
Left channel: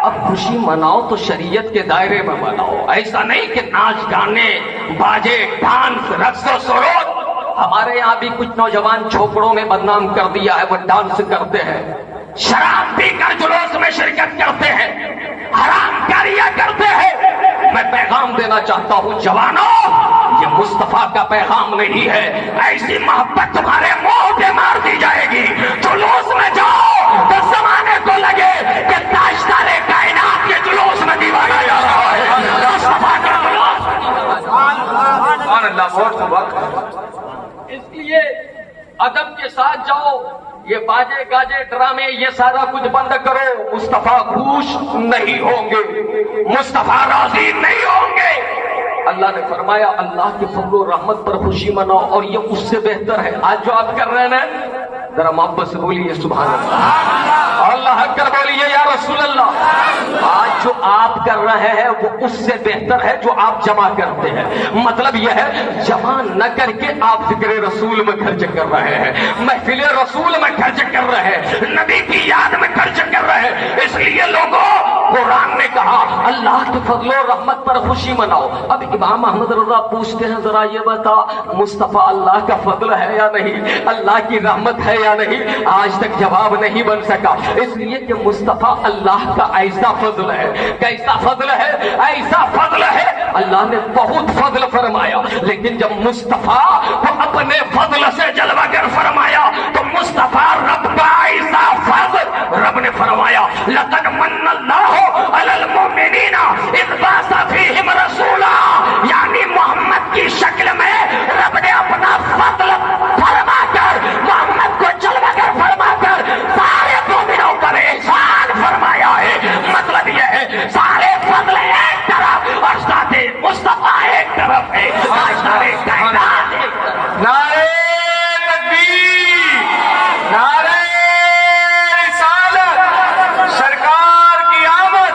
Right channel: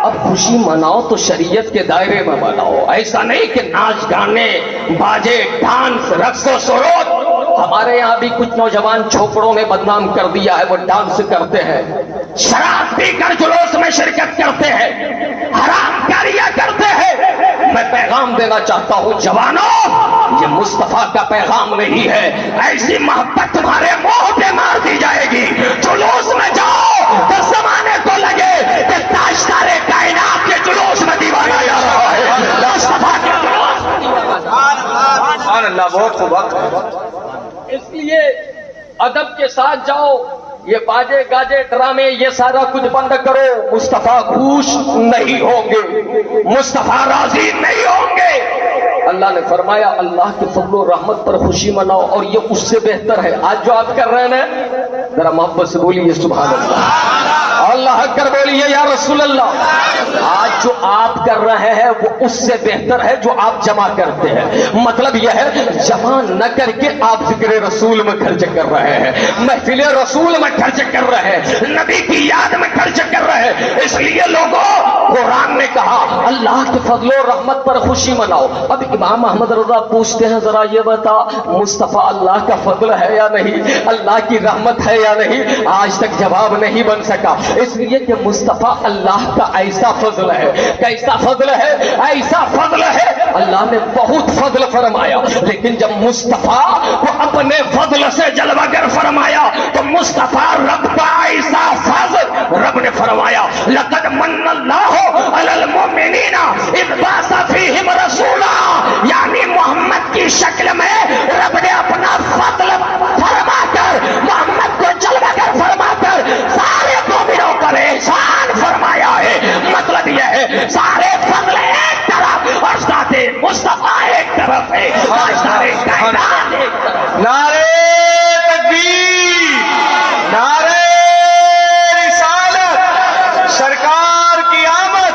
اب خوشی مناؤ تو شریعت کے دائرے میں مناؤ، ایسا نہیں کہ ناچ گانے باجے ڈانس رقص و سرود۔ ہمارے یہاں بھی کچھ نوجوان چھوپڑوں میں بدنام کر دیا ہے، وہ ڈانس کرتے ہیں، شراب پی کر جلوس میں شرکت کرتے ہیں، حرام کاریاں کرتے ہیں۔ میں پیغام دینا چاہتا ہوں جوانوں، یہ مصطفیٰ کا پیغام نہیں ہے، ایسی محبت تمہارے منہ پہ مار دی جائے گی۔ جلوس میں جاؤ تو زمانے کو لگے کہ تاجدار کائنات کے جلوس میں دیوانہ جا رہا ہے، مصطفیٰ کے جلوس میں دیوانہ جا رہا ہے۔ سبحان اللہ، بہت خوب۔ اس لیے ادب کے ساتھ جاؤ، یہ باجے گاجے ڈرامے یہ سارا کچھ بند کرو۔ مصطفیٰ خوش نہیں ہوں گے، مصطفیٰ راضی نہیں ہوں گے۔ اللہ نے فرمایا اللہ کے فضل و رحمت پر خوشی مناؤ، اور یہ اس سے بہتر ہے۔ آج جو آپ کر رہے ہیں ذرا محبت سے بولیے سبحان اللہ، اللہ اکبر بولیے یا رسول اللہ۔ آج جو آپ کر رہے ہیں وہ اس سے بہتر ہے جو آپ جمع کرتے ہیں۔ مطلب یہ ہے جمع نہ کر کے آپ ذکر رسول میں خرچ کر رہے ہیں، محفل رسول میں خرچ کر رہے ہیں، نبی کی یاد میں خرچ کر رہے ہیں۔ اس لیے لوگوں، قرآن نے کہا اللہ کے فضل و رحمت پر خوشی مناؤ۔ اب امام احمد رضا پوچھتے ہیں ذرا یہ بتا مصطفیٰ اللہ کا فضل ہے یا نہیں، اللہ کی رحمت ہے یا نہیں؟ آج تک جواب نہیں بن سکا، اس لیے کہ مصطفیٰ اللہ کا ایسا فضل ہے۔ کیسا فضل ہے؟ ایسا فضل ہے اللہ نے بہت فضل فرمایا، لیکن جب مصطفیٰ کو اپنے فضل سے جلوہ گر فرمایا تو مصطفیٰ رب کا ایسا فضل، رب نے فرمایا لقد من اللہ علی المؤمنین اذ بعث فیہم رسولا، یعنی محمد کی شکل میں رب نے اپنا فضل فرما کر محمد کو جلوہ گر فرما کر سارے مومنوں پر احسان فرمایا ہے۔ مطلب یہ ہے سارے فضل ایک طرف اور ذات مصطفیٰ ایک طرف ہے۔ سارے کائنات نعرہ تکبیر، نعرہ رسالت، سرکار کی آمد،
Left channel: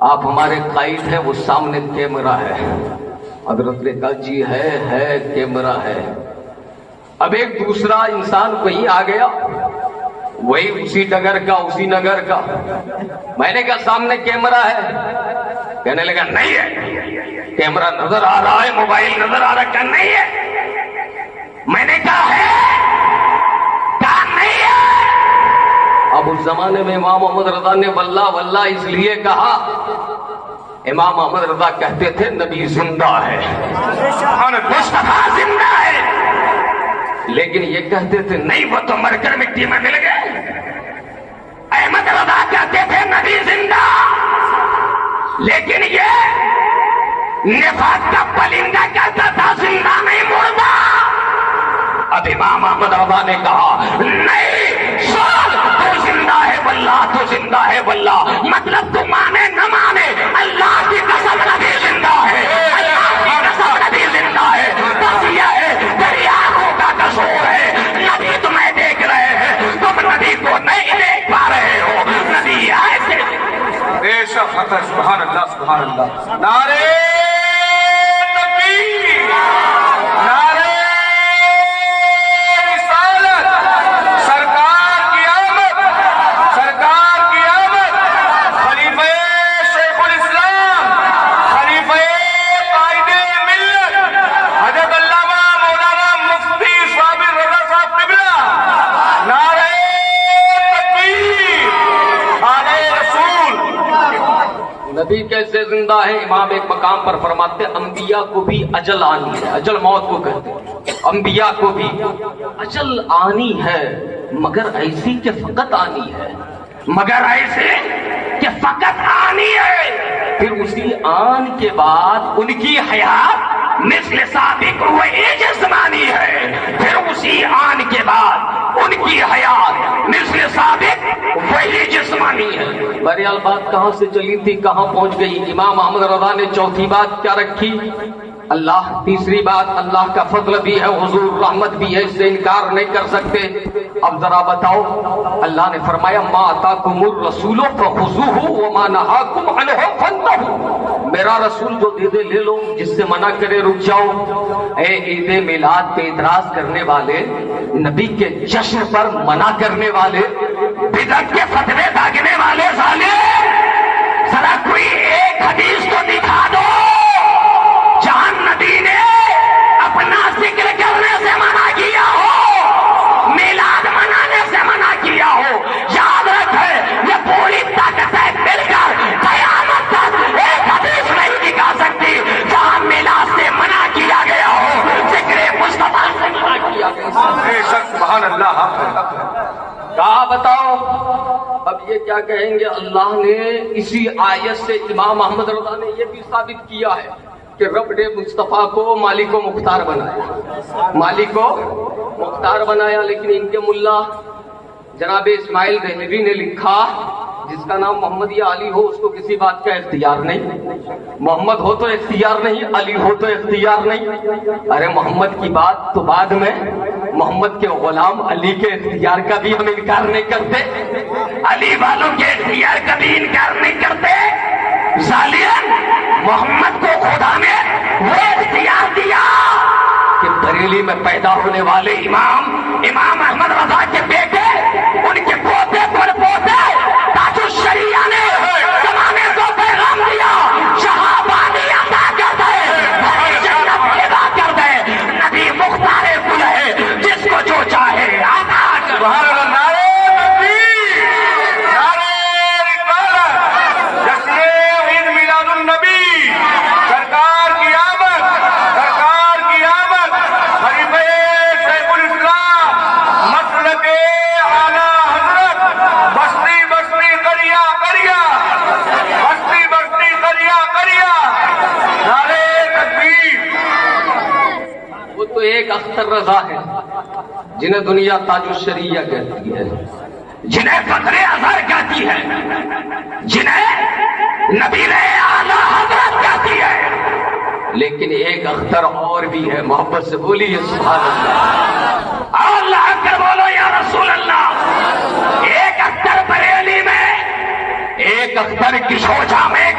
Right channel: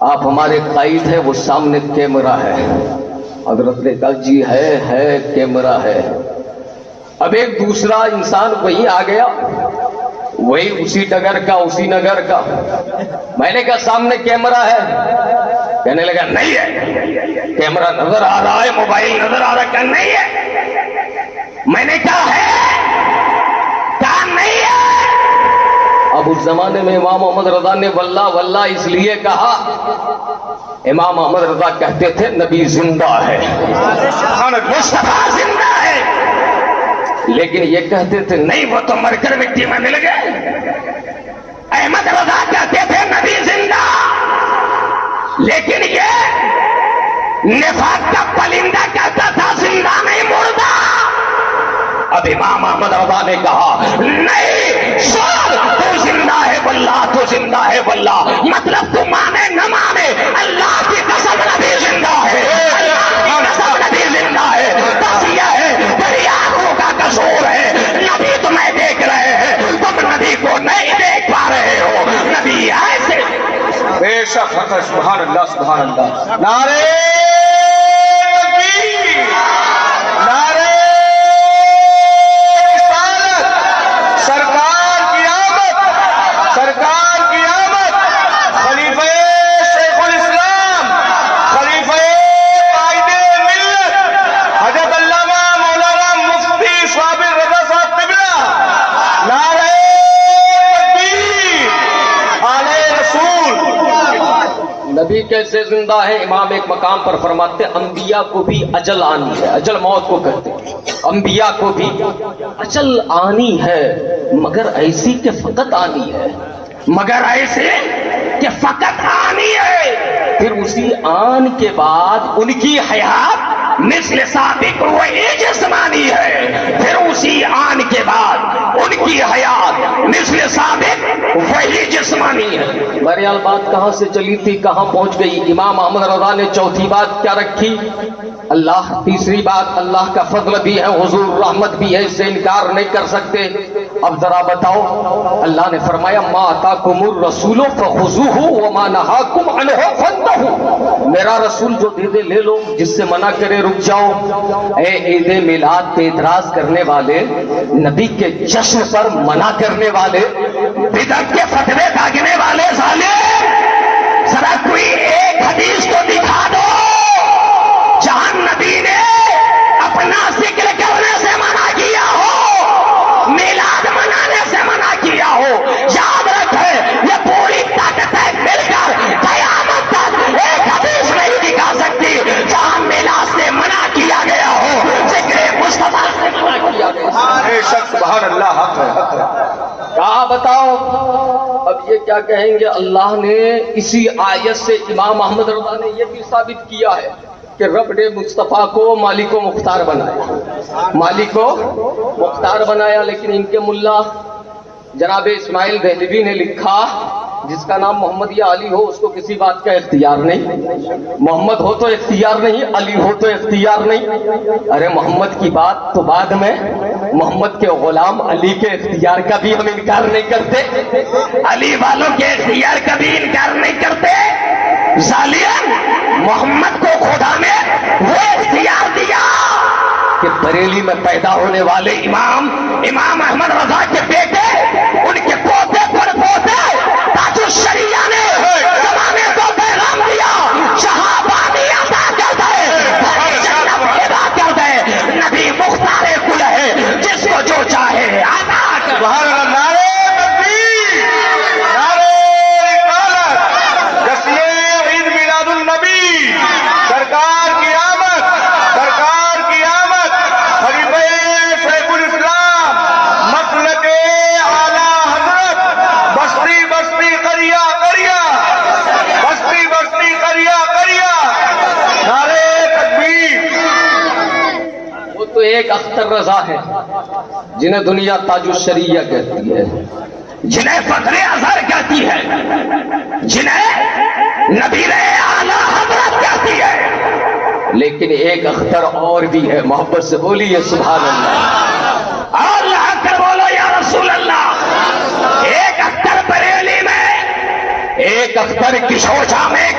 آپ ہمارے قائد ہیں، وہ سامنے کیمرہ ہے. حضرت نے کہا جی ہے کیمرہ ہے. اب ایک دوسرا انسان وہی آ گیا، وہی اسی نگر کا. میں نے کہا سامنے کیمرہ ہے، کہنے لگا نہیں ہے. کیمرہ نظر آ رہا ہے، موبائل نظر آ رہا ہے، کہ نہیں ہے. میں نے کہا ہے، کہا نہیں ہے. اب اس زمانے میں امام محمد رضا نے واللہ اس لیے کہا، امام محمد رضا کہتے تھے نبی زندہ ہے، مصطفیٰ زندہ ہے، لیکن یہ کہتے تھے نہیں وہ تو مر کر مٹی میں مل گئے. احمد رضا کہتے تھے نبی زندہ، لیکن یہ نفاق کا پرندہ کہتا تھا زندہ نہیں مردہ. اب امام احمد رضا نے کہا نہیں تو زندہ ہے واللہ، تو زندہ ہے واللہ. مطلب تو مانے نہ مانے، اللہ کی قسم نبی زندہ ہے، اللہ کی قسم نبی زندہ ہے. بس یہ ہے تیری آنکھوں کا قصور ہے، نبی تمہیں دیکھ رہے ہیں، تم نبی کو نہیں دیکھ پا رہے ہو. نبی ایسے بے شک ہے. سبحان اللہ سبحان اللہ. نعرے تکبیر، نعرے رسالت، سرکار کی آمد، سرکار کی آمد. خلیفہ شیخ الاسلام، خلیفہ قائد ملت حضرت علامہ مولانا مفتی صابر رضا صاحب قبلہ. نعرے تکبیر، آلے رسول. نبی کیسے زندہ ہے؟ امام ایک مقام پر فرماتے انبیاء کو بھی اجل آنی ہے. اجل موت کو کہتے ہیں. انبیاء کو بھی اجل آنی ہے، مگر ایسی کہ فقط آنی ہے، مگر ایسے کہ فقط آنی ہے. پھر اسی آن کے بعد ان کی حیات مثل سابق وہی جسمانی ہے. پھر اسی آن کے بعد ان کی حیات مثل سابق وہی جسمانی ہے. بہرحال بات کہاں سے چلی تھی کہاں پہنچ گئی؟ امام احمد رضا نے چوتھی بات کیا رکھی؟ اللہ. تیسری بات اللہ کا فضل بھی ہے، حضور رحمت بھی ہے، اس سے انکار نہیں کر سکتے. اب ذرا بتاؤ، اللہ نے فرمایا ما آتاکم الرسول فخذوہ وما نہاکم عنہ فانتہوا. میرا رسول جو دے دے لے لو، جس سے منع کرے رک جاؤ. اے عید میلاد پہ اعتراض کرنے والے، نبی کے جشن پر منع کرنے والے، بدعت کے فتوے داغنے والے ظالم، ذرا کوئی ایک حدیث کو دکھا دو جہاں نبی نے اپنا ذکر کرنے سے منع کیا ہو، میلاد منانے سے منع کیا ہو. یاد رکھے یہ پوری طاقت مل کر قیامت تک ایک حدیث نہیں دکھا سکتی جہاں میلاد سے منع کیا گیا ہو، ذکر مصطفیٰ سے منع کیا گیا ہو. بے شک سبحان اللہ. حق ہے، حق ہے. کہا بتاؤ. اب یہ کیا کہیں گے؟ اللہ نے اسی آیت سے امام احمد رضا نے یہ بھی ثابت کیا ہے کہ رب نے مصطفیٰ کو مالک و مختار بنایا، مالک و مختار بنایا. لیکن ان کے ملا جناب اسماعیل دہلوی نے لکھا جس کا نام محمد یا علی ہو اس کو کسی بات کا اختیار نہیں. محمد ہو تو اختیار نہیں، علی ہو تو اختیار نہیں. ارے محمد کی بات تو بعد میں، محمد کے غلام علی کے اختیار کا بھی ہم انکار نہیں کرتے، علی والوں کے اختیار کا بھی انکار نہیں کرتے. ظالم، محمد کو خدا نے وہ اختیار دیا کہ بریلی میں پیدا ہونے والے امام احمد رضا کے بیٹے، ان کے پوتے پر پوتے تاج الشریعہ نے زمانے کو پیغام دیا، شہابادی عطا کر دے، جنت پیدا کر دے. نبی مختار کل ہے، جس کو جو چاہے عطا کر دے. نعرے تکبیر، نعرے رسالت، جشن عید میلاد النبی، سرکار کی آمد، سرکار کی آمد. خلیفہ شیخ الاسلام، مسلک اعلیٰ حضرت، بستی بستی قریہ قریہ، بستی بستی قریہ قریہ. نعرے تکبیر. وہ تو ایک اختر رضا ہے جنہیں دنیا تاج الشریعہ کہتی ہے، جنہیں فخر اظہر کہتی ہے، جنہیں نبی اعلیٰ حضرت کہتی ہے. لیکن ایک اختر اور بھی ہے، محبت سے بولیے سبحان اللہ. اللہ اکبر بولو یا رسول اللہ. ایک اختر بریلی میں، ایک اختر کشور جامع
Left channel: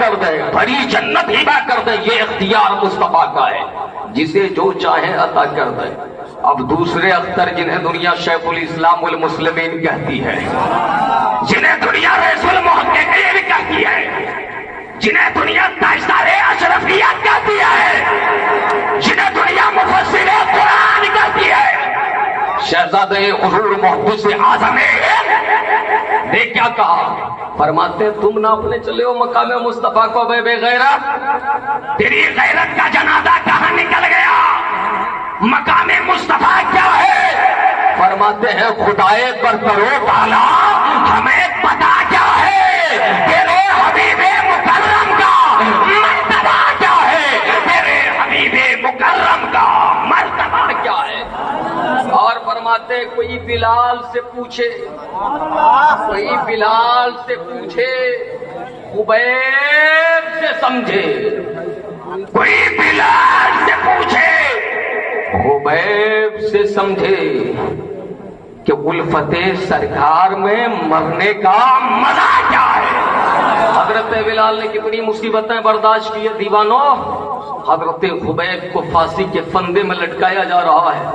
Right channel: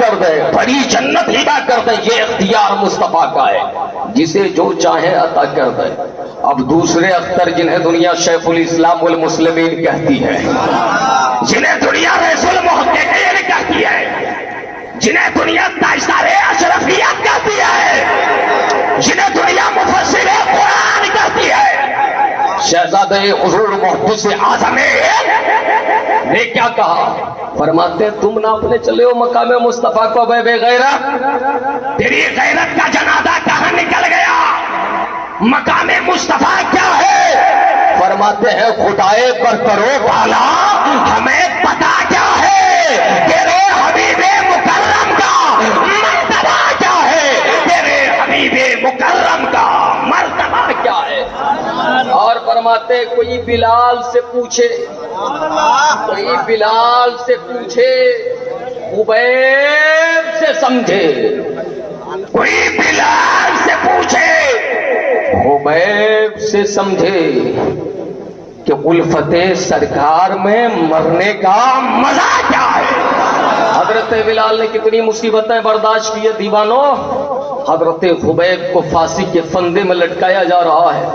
کر دے، بڑی جنت ہبا کر دے، یہ اختیار مصطفیٰ کا ہے، جسے جو چاہے عطا کر دے۔ اب دوسرے اختر جنہیں دنیا شیخ الاسلام والمسلمین کہتی ہے، جنہیں دنیا رسول محققین کہتی ہے، جنہیں دنیا تاجدار اشرفیت کہتی ہے، جنہیں دنیا مفسر قرآن کہتی ہے، شہزادہ حضور محدث اعظم نے کیا کہا؟ فرماتے تم ناپنے چلے ہو مقام مصطفیٰ کو بے غیرت، تیری غیرت کا جنازہ کہاں نکل گیا؟ مقام مصطفیٰ کیا ہے؟ فرماتے ہیں خدائے پر کرو تعالیٰ ہمیں پتا کیا ہے، تیرے حبیب مکرم کا مرتبہ کیا ہے، تیرے حبیب مکرم کا مرتبہ کیا ہے۔ اور فرماتے کوئی بلال سے پوچھے، کوئی بلال سے پوچھے، خبیب سے سمجھے، کوئی بلال سے پوچھے، خبیب سے سمجھے کہ الفت سرکار میں مرنے کا مزہ کیا ہے۔ حضرت بلال نے کتنی مصیبتیں برداشت کی ہے دیوانوں، حضرت خبیب کو پھانسی کے پھندے میں لٹکایا جا رہا ہے،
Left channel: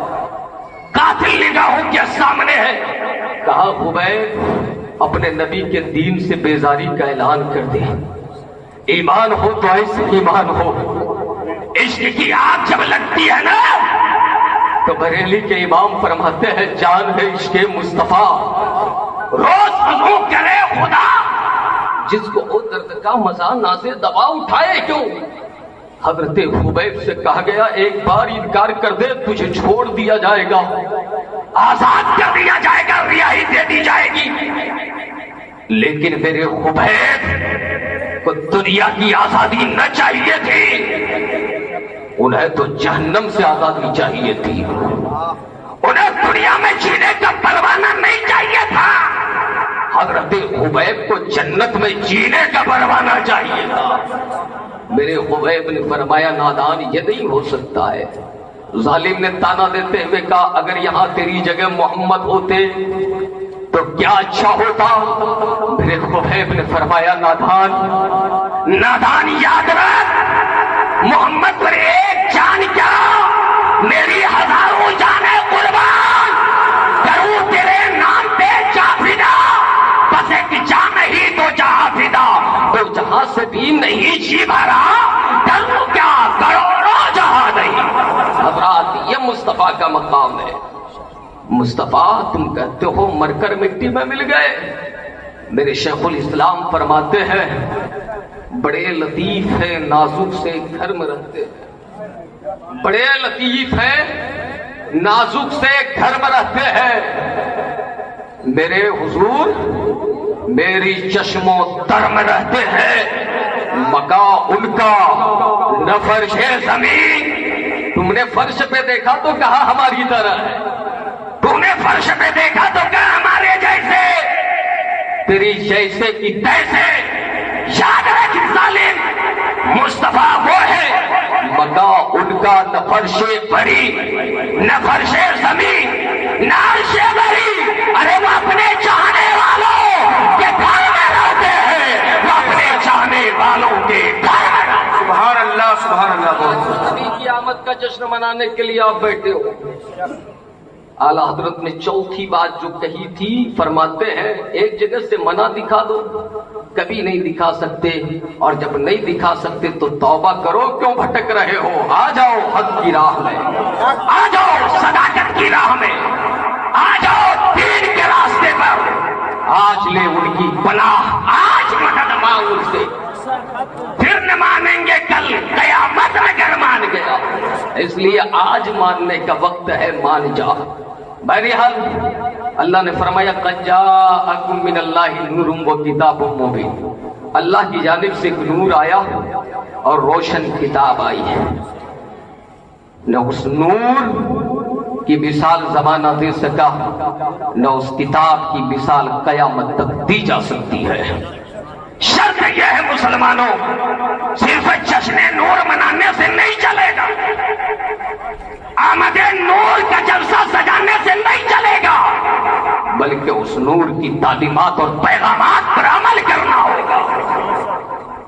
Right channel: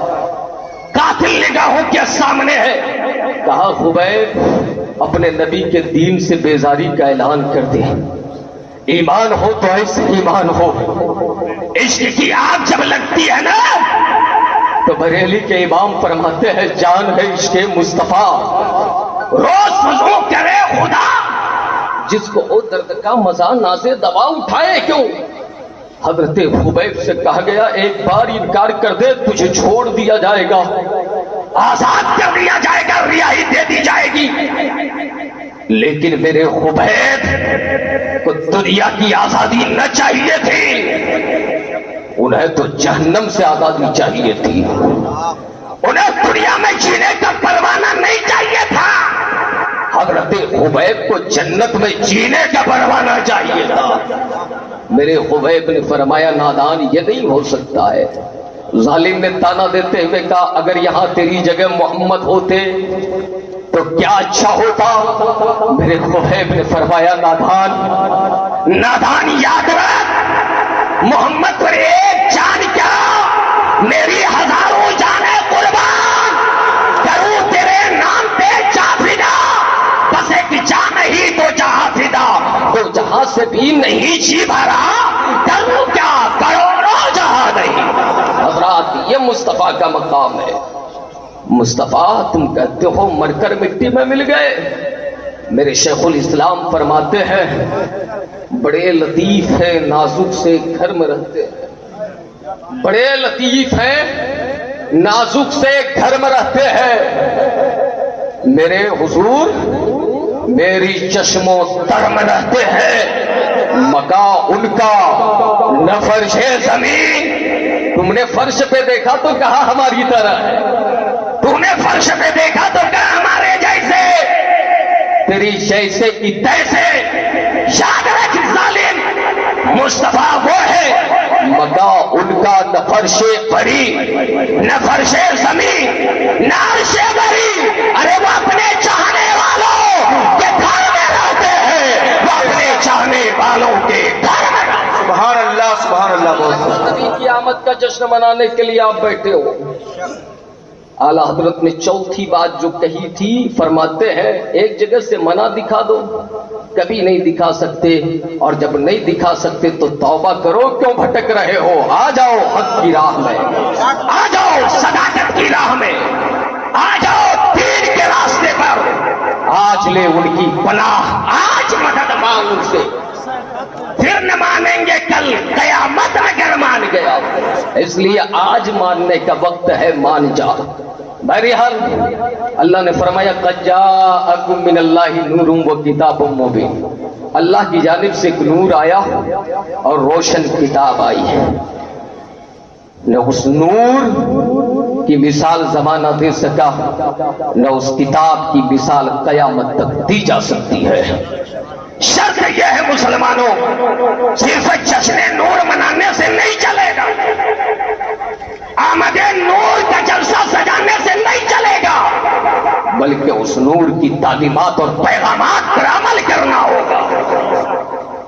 قاتل نگاہوں کے سامنے ہے۔ کہا خبیب اپنے نبی کے دین سے بیزاری کا اعلان کر دے، ایمان ہو تو ایسے ایمان ہو، عشق کی آگ جب لگتی ہے نا تو بریلی کے امام فرماتے ہیں جان ہے عشق مصطفیٰ، روز وضو کرے خدا، جس کو او درد کا مزہ نازے دوا اٹھائے کیوں۔ حضرت خبیب سے کہا گیا ایک بار انکار کر دے تجھے چھوڑ دیا جائے گا، آزاد کر دیا جائے گا، رہائی دے دی جائے گی، لیکن میرے خبیب کو دنیا کی آزادی نہ چاہیے تھی، انہیں تو جہنم سے آزادی چاہیے تھی، انہیں دنیا میں جینے کا پروانہ نہیں چاہیے تھا، حضرت خبیب کو جنت میں جینے کا پروانہ چاہیے تھا۔ میرے خبیب نے فرمایا نادان یہ نہیں ہو سکتا ہے۔ ظالم نے تانا دیتے ہوئے کہا اگر یہاں تیری جگہ محمد ہوتے تو کیا اچھا ہوتا۔ میرے خبیب نے فرمایا نادان، نادان یاد رکھ محمد پر ایک جان کیا میری ہزاروں جانیں قربان کروں تیرے نام پہ جا فدا، بس ایک جان ہی تو جہاں فدا، تو جہاں سے بھی نہیں جی بھرا کروں کیا کروڑوں جہاں نہیں۔ حضرات یہ مصطفیٰ کا مقام ہے۔ مصطفیٰ تم کہتے ہو مر کر مٹی میں مل گئے، میرے شیخ الاسلام فرماتے ہیں بڑے لطیف ہیں نازک سے گھر میں رہتے ہیں، بڑے لطیف ہیں نازک سے گھر میں رہتے ہیں، میرے حضور میری چشم و تر میں رہتے ہیں، مکان ان کا نہ فرش زمین، تم نے فرش پہ دیکھا تو کہا ہماری طرح ہے، تم نے فرش پہ دیکھا تو کہا ہمارے جیسے، تیری جیسے کی تیسے، یاد رکھ ظالم مصطفیٰ وہ ہے مکان ان کا نہ فرش پری نہ فرش زمین نہ عرش بری، ارے وہ اپنے چاہنے والوں کے گھر میں رہتے ہیں، وہ اپنے چاہنے والوں کے گھر میں رہتے ہیں۔ سبحان اللہ سبحان اللہ۔ نبی کی آمد کا جشن منانے کے لیے آپ بیٹھے ہو، اعلیٰ حضرت نے چوتھی بات جو کہی تھی فرماتے ہیں ایک جگہ سے منع دکھا دو، کبھی نہیں دکھا سکتے، اور جب نہیں دکھا سکتے تو توبہ کرو، کیوں بھٹک رہے ہو، آ جاؤ حق کی راہ میں، آ جاؤ صداقت کی راہ میں، آ جاؤ دین کے راستے پر، آج لے ان کی پناہ، آج مدد مانگ ان سے، پھر نہ مانیں گے کل قیامت اگر مان گیا، اس لیے آج ماننے کا وقت ہے، مان جا۔ بہرحال اللہ نے فرمایا قد جاءکم من اللہ نور و کتاب مبین، اللہ کی جانب سے ایک نور آیا اور روشن کتاب آئی ہے، نہ اس نور کی مثال زمانہ دے سکا، نہ اس کتاب کی مثال قیامت تک دی جا سکتی ہے۔ شرط یہ ہے مسلمانوں صرف جشن نور منانے سے نہیں چلے گا، آمد نور کا جلسہ سجانے سے نہیں چلے گا، بلکہ اس نور کی تعلیمات اور پیغامات پر عمل کرنا ہوگا،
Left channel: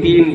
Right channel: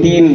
3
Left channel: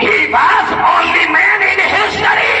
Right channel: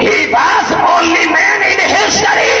he was only man in history,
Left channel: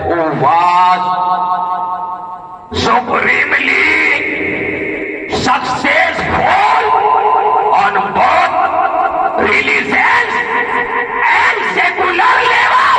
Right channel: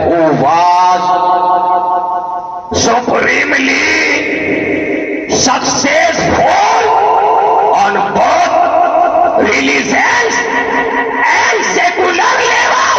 who was supremely successful on both religions and secular level।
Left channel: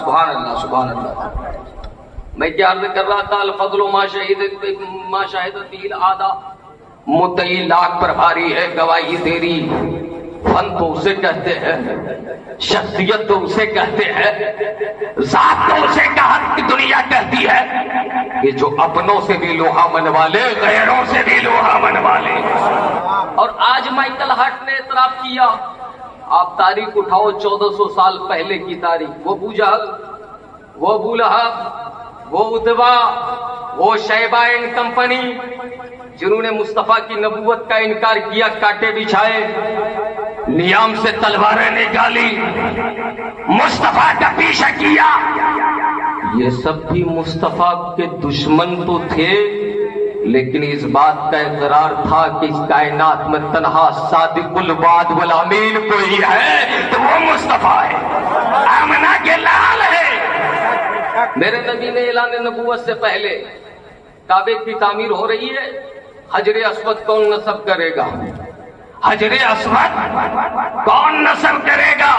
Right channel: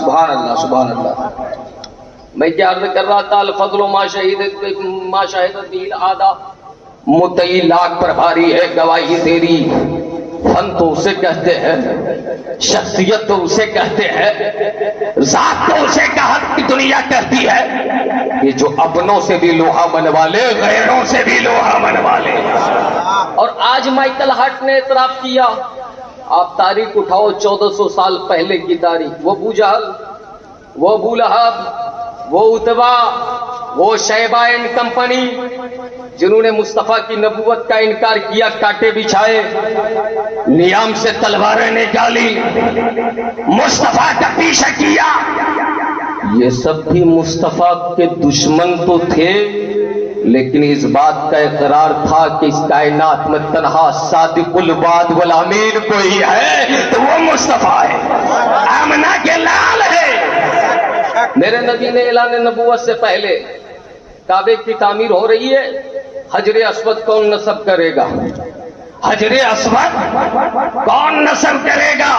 سبحان اللہ سبحان اللہ. میں کیا عرض کر رہا تھا؟ الفضل ما شہد بیل آدھا، متعی لاکھ پر بھاری ہے گواہی تیری. فن تو اسے کہتے ہیں، شخصیت تو اسے کہتے ہیں، ذات تو اسے کہت کی دنیا کہتی ہے کہ جو اپنوں سے بھی لوہا منوا لے، غیروں سے بھی لوہا منوا لے. اور آج مائیکل ہارٹ نے اعتراف کیا. آپ تاریخ اٹھاؤ 1400 سال پہلے کی تاریخ. وہ ابو جہل، وہ ابو لہب، وہ اتبا، وہ شیبہ اینڈ کمپنی جنہوں نے مصطفیٰ کی نبوت کا انکار کیا، کانٹے بچھائے، نیام سے تلواریں نکالی، مصطفیٰ کا پیچھا کیا. یہ سب بھی مصطفیٰ کے دشمن تو تھے، لیکن اس بات کا اقرار تھا کہ اس کائنات میں تنہا صادق الوعد والامین کوئی ہے تو وہ مصطفیٰ ہے، آمنہ کے لال ہے. میرے نبی نے اعلان نبوت سے پہلے کعبے کی تعمیر ہو رہی ہے، حجر اسود کون نصب کرے گا؟ حجر اسود کون نصب کرے گا؟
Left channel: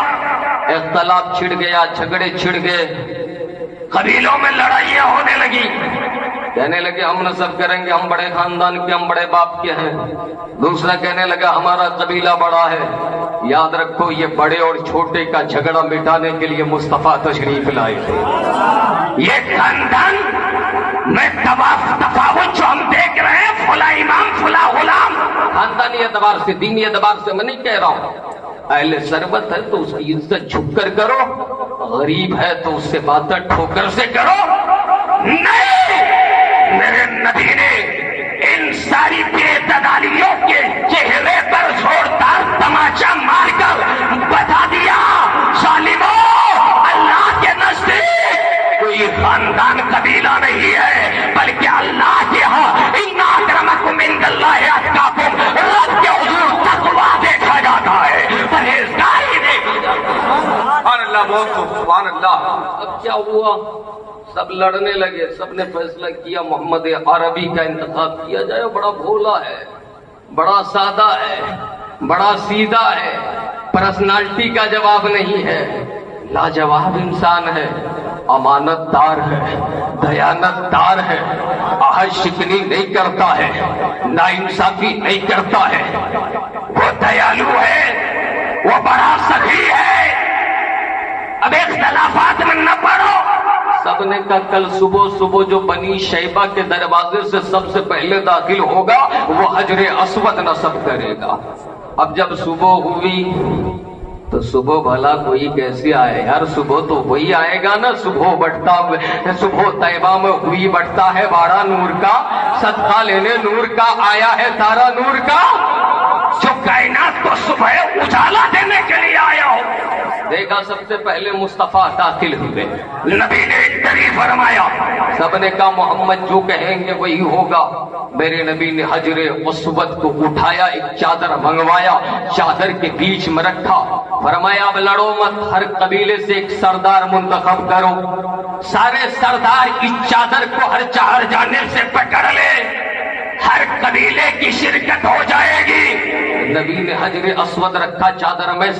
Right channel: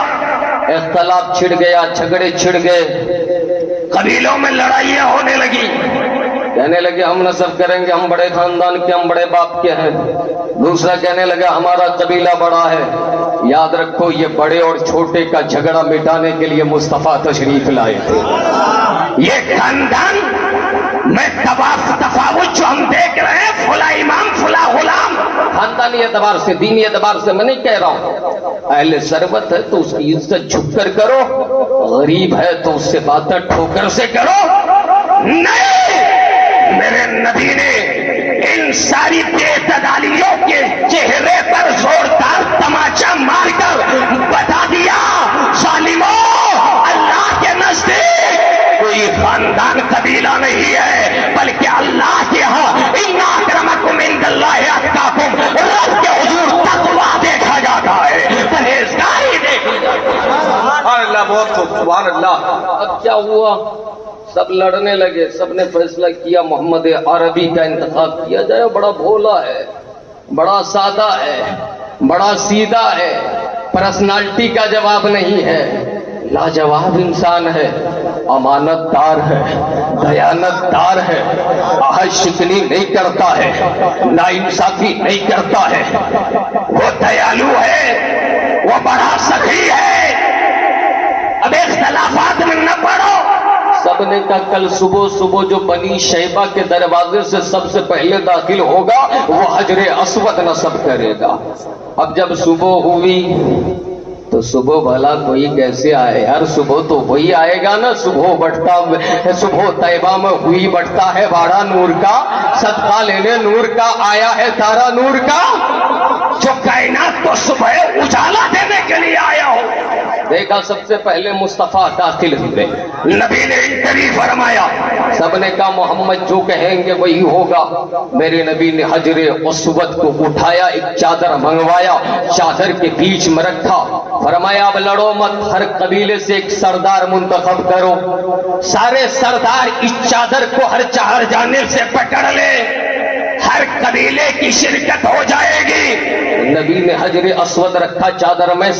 اختلاف چھڑ گیا، جھگڑے چھڑ گئے، قبیلوں میں لڑائیاں ہونے لگی. کہنے لگے ہم نصب کریں گے، ہم بڑے خاندان کے، ہم بڑے باپ کے ہیں. دوسرا کہنے لگا ہمارا قبیلہ بڑا ہے. یاد رکھو یہ بڑے اور چھوٹے کا جھگڑا مٹانے کے لیے مصطفیٰ تشریف لائے تھے. یہ خاندان میں تفاوت جو ہم دیکھ رہے ہیں، فلاں امام فلاں غلام، خاندانی اعتبار سے، دینی اعتبار سے میں نہیں کہہ رہا ہوں. اہل ثروت ہے تو اس کی عزت جھک کر کرو، غریب ہے تو اس سے باتیں ٹھوکر سے کرو. نہیں، میرے نبی نے ان ساری بے اعتدالیوں کے چہرے پر زوردار تماچا مار کر بتا دیا، ظالموں، اللہ کے نزدیک کوئی خاندان قبیلہ نہیں ہے، بلکہ اللہ کے ہاں ان اکرمکم عند اللہ اتقاکم، رب کے حضور تقویٰ دیکھا جاتا ہے، پرہیزگاری دیکھی جاتی ہے. سبحان اللہ، بہت خوب، سبحان اللہ. اب کیا ہوا؟ سب لڑنے لگے. سب نے فیصلہ کیا محمد عربی کا انتخاب کیا جائے. بڑا بھولا ہے، بڑا سادہ ہے، بڑا سیدھا ہے، پرسنالٹی کا جواب نہیں ہے، لاجواب انسان ہے، امانت دار ہے، دیانت دار ہے، آہش شکنی نہیں کرتا ہے، ناانصافی نہیں کرتا ہے، وہ دیالو ہے، وہ بڑا سخی ہے. اب اختلافات میں نہ پڑو. سب نے کہا کل صبح جو بنی شیبہ کے دروازے سے سب سے پہلے داخل ہوگا وہ حجر اسود نصب کرے گا. اب جب صبح ہوئی تو صبح بھلا کوئی کیسے آئے یار؟ صبح تو وہی آئے گا نا. صبح طیبہ میں ہوئی بٹتا ہے باڑا نور کا، صدقہ لینے نور کا آیا ہے تارا نور کا، جو کائنات کو صبح اجالا دینے کے لیے آیا ہو. دیکھا سب سے پہلے مصطفیٰ داخل ہوئے. نبی نے انٹری فرمایا. سب نے کہا محمد جو کہیں گے وہی ہوگا. میرے نبی نے حجر اسود کو اٹھایا، ایک چادر منگوایا، چادر کے بیچ میں رکھا، فرمایا اب لڑو مت، ہر قبیلے سے ایک سردار منتخب کرو، سارے سردار اس چادر کو ہر چار جانب سے پکڑ لے، ہر قبیلے کی شرکت ہو جائے گی. نبی نے حجر اسود رکھا چادر میں،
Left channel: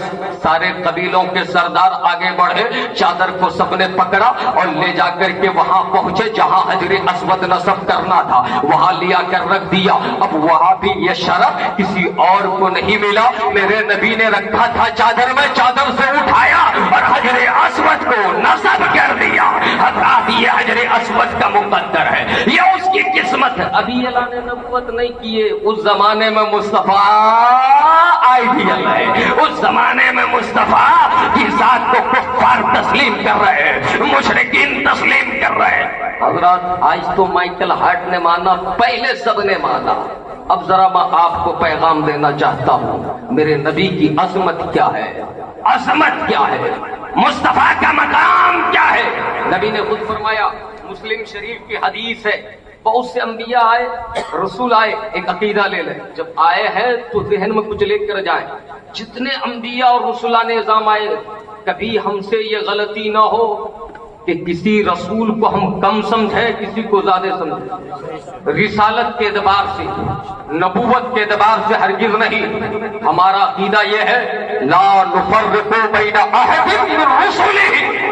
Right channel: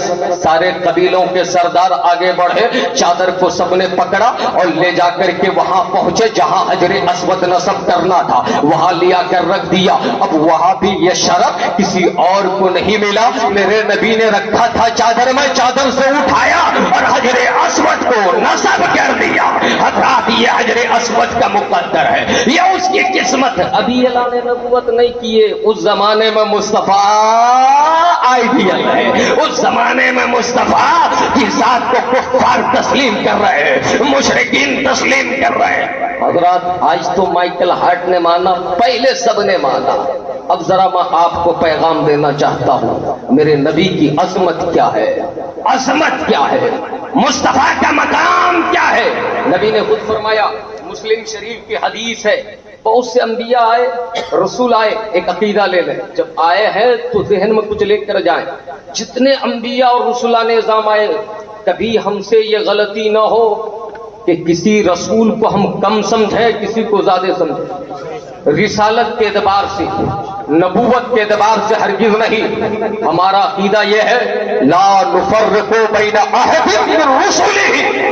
سارے قبیلوں کے سردار آگے بڑھے، چادر کو سب نے پکڑا اور لے جا کر کے وہاں پہنچے جہاں حجر اسود نصب کرنا تھا، وہاں لیا کر رکھ دیا. اب وہاں بھی یہ شرف کسی اور کو نہیں ملا. میرے نبی نے رکھا تھا چادر میں، چادر سے اٹھایا اور حجر اسود کو نصب کر دیا. حضرات یہ حجر اسود کا مقدر ہے، یہ اس کی قسمت ہے. ابھی اعلان نبوت نہیں کیے، اس زمانے میں مصطفیٰ آئیڈیل ہے. اس زمانے میں مصطفیٰ کی ذات کو کفار تسلیم کر رہے ہیں، مشرکین تسلیم کر رہے ہیں. حضرات آج تو مائیکل ہارٹ نے مانا، پہلے سب نے مانا. اب ذرا میں آپ کو پیغام دینا چاہتا ہوں، میرے نبی کی عظمت کیا ہے، عظمت کیا ہے، مصطفیٰ کا مقام کیا ہے. نبی نے خود فرمایا، مسلم شریف کی حدیث ہے، بہت سے انبیاء آئے، رسول آئے، ایک عقیدہ لے لیں. جب آئے ہیں تو ذہن میں کچھ لے کر جائیں. جتنے انبیاء اور رسولان نظام آئے، کبھی ہم سے یہ غلطی نہ ہو کہ کسی رسول کو ہم کم سمجھیں، کسی کو زیادہ سمجھیں. رسالت کے اعتبار سے، نبوت کے اعتبار سے ہرگز نہیں. ہمارا عقیدہ یہ ہے لا نفرق بین احد من رسلہ.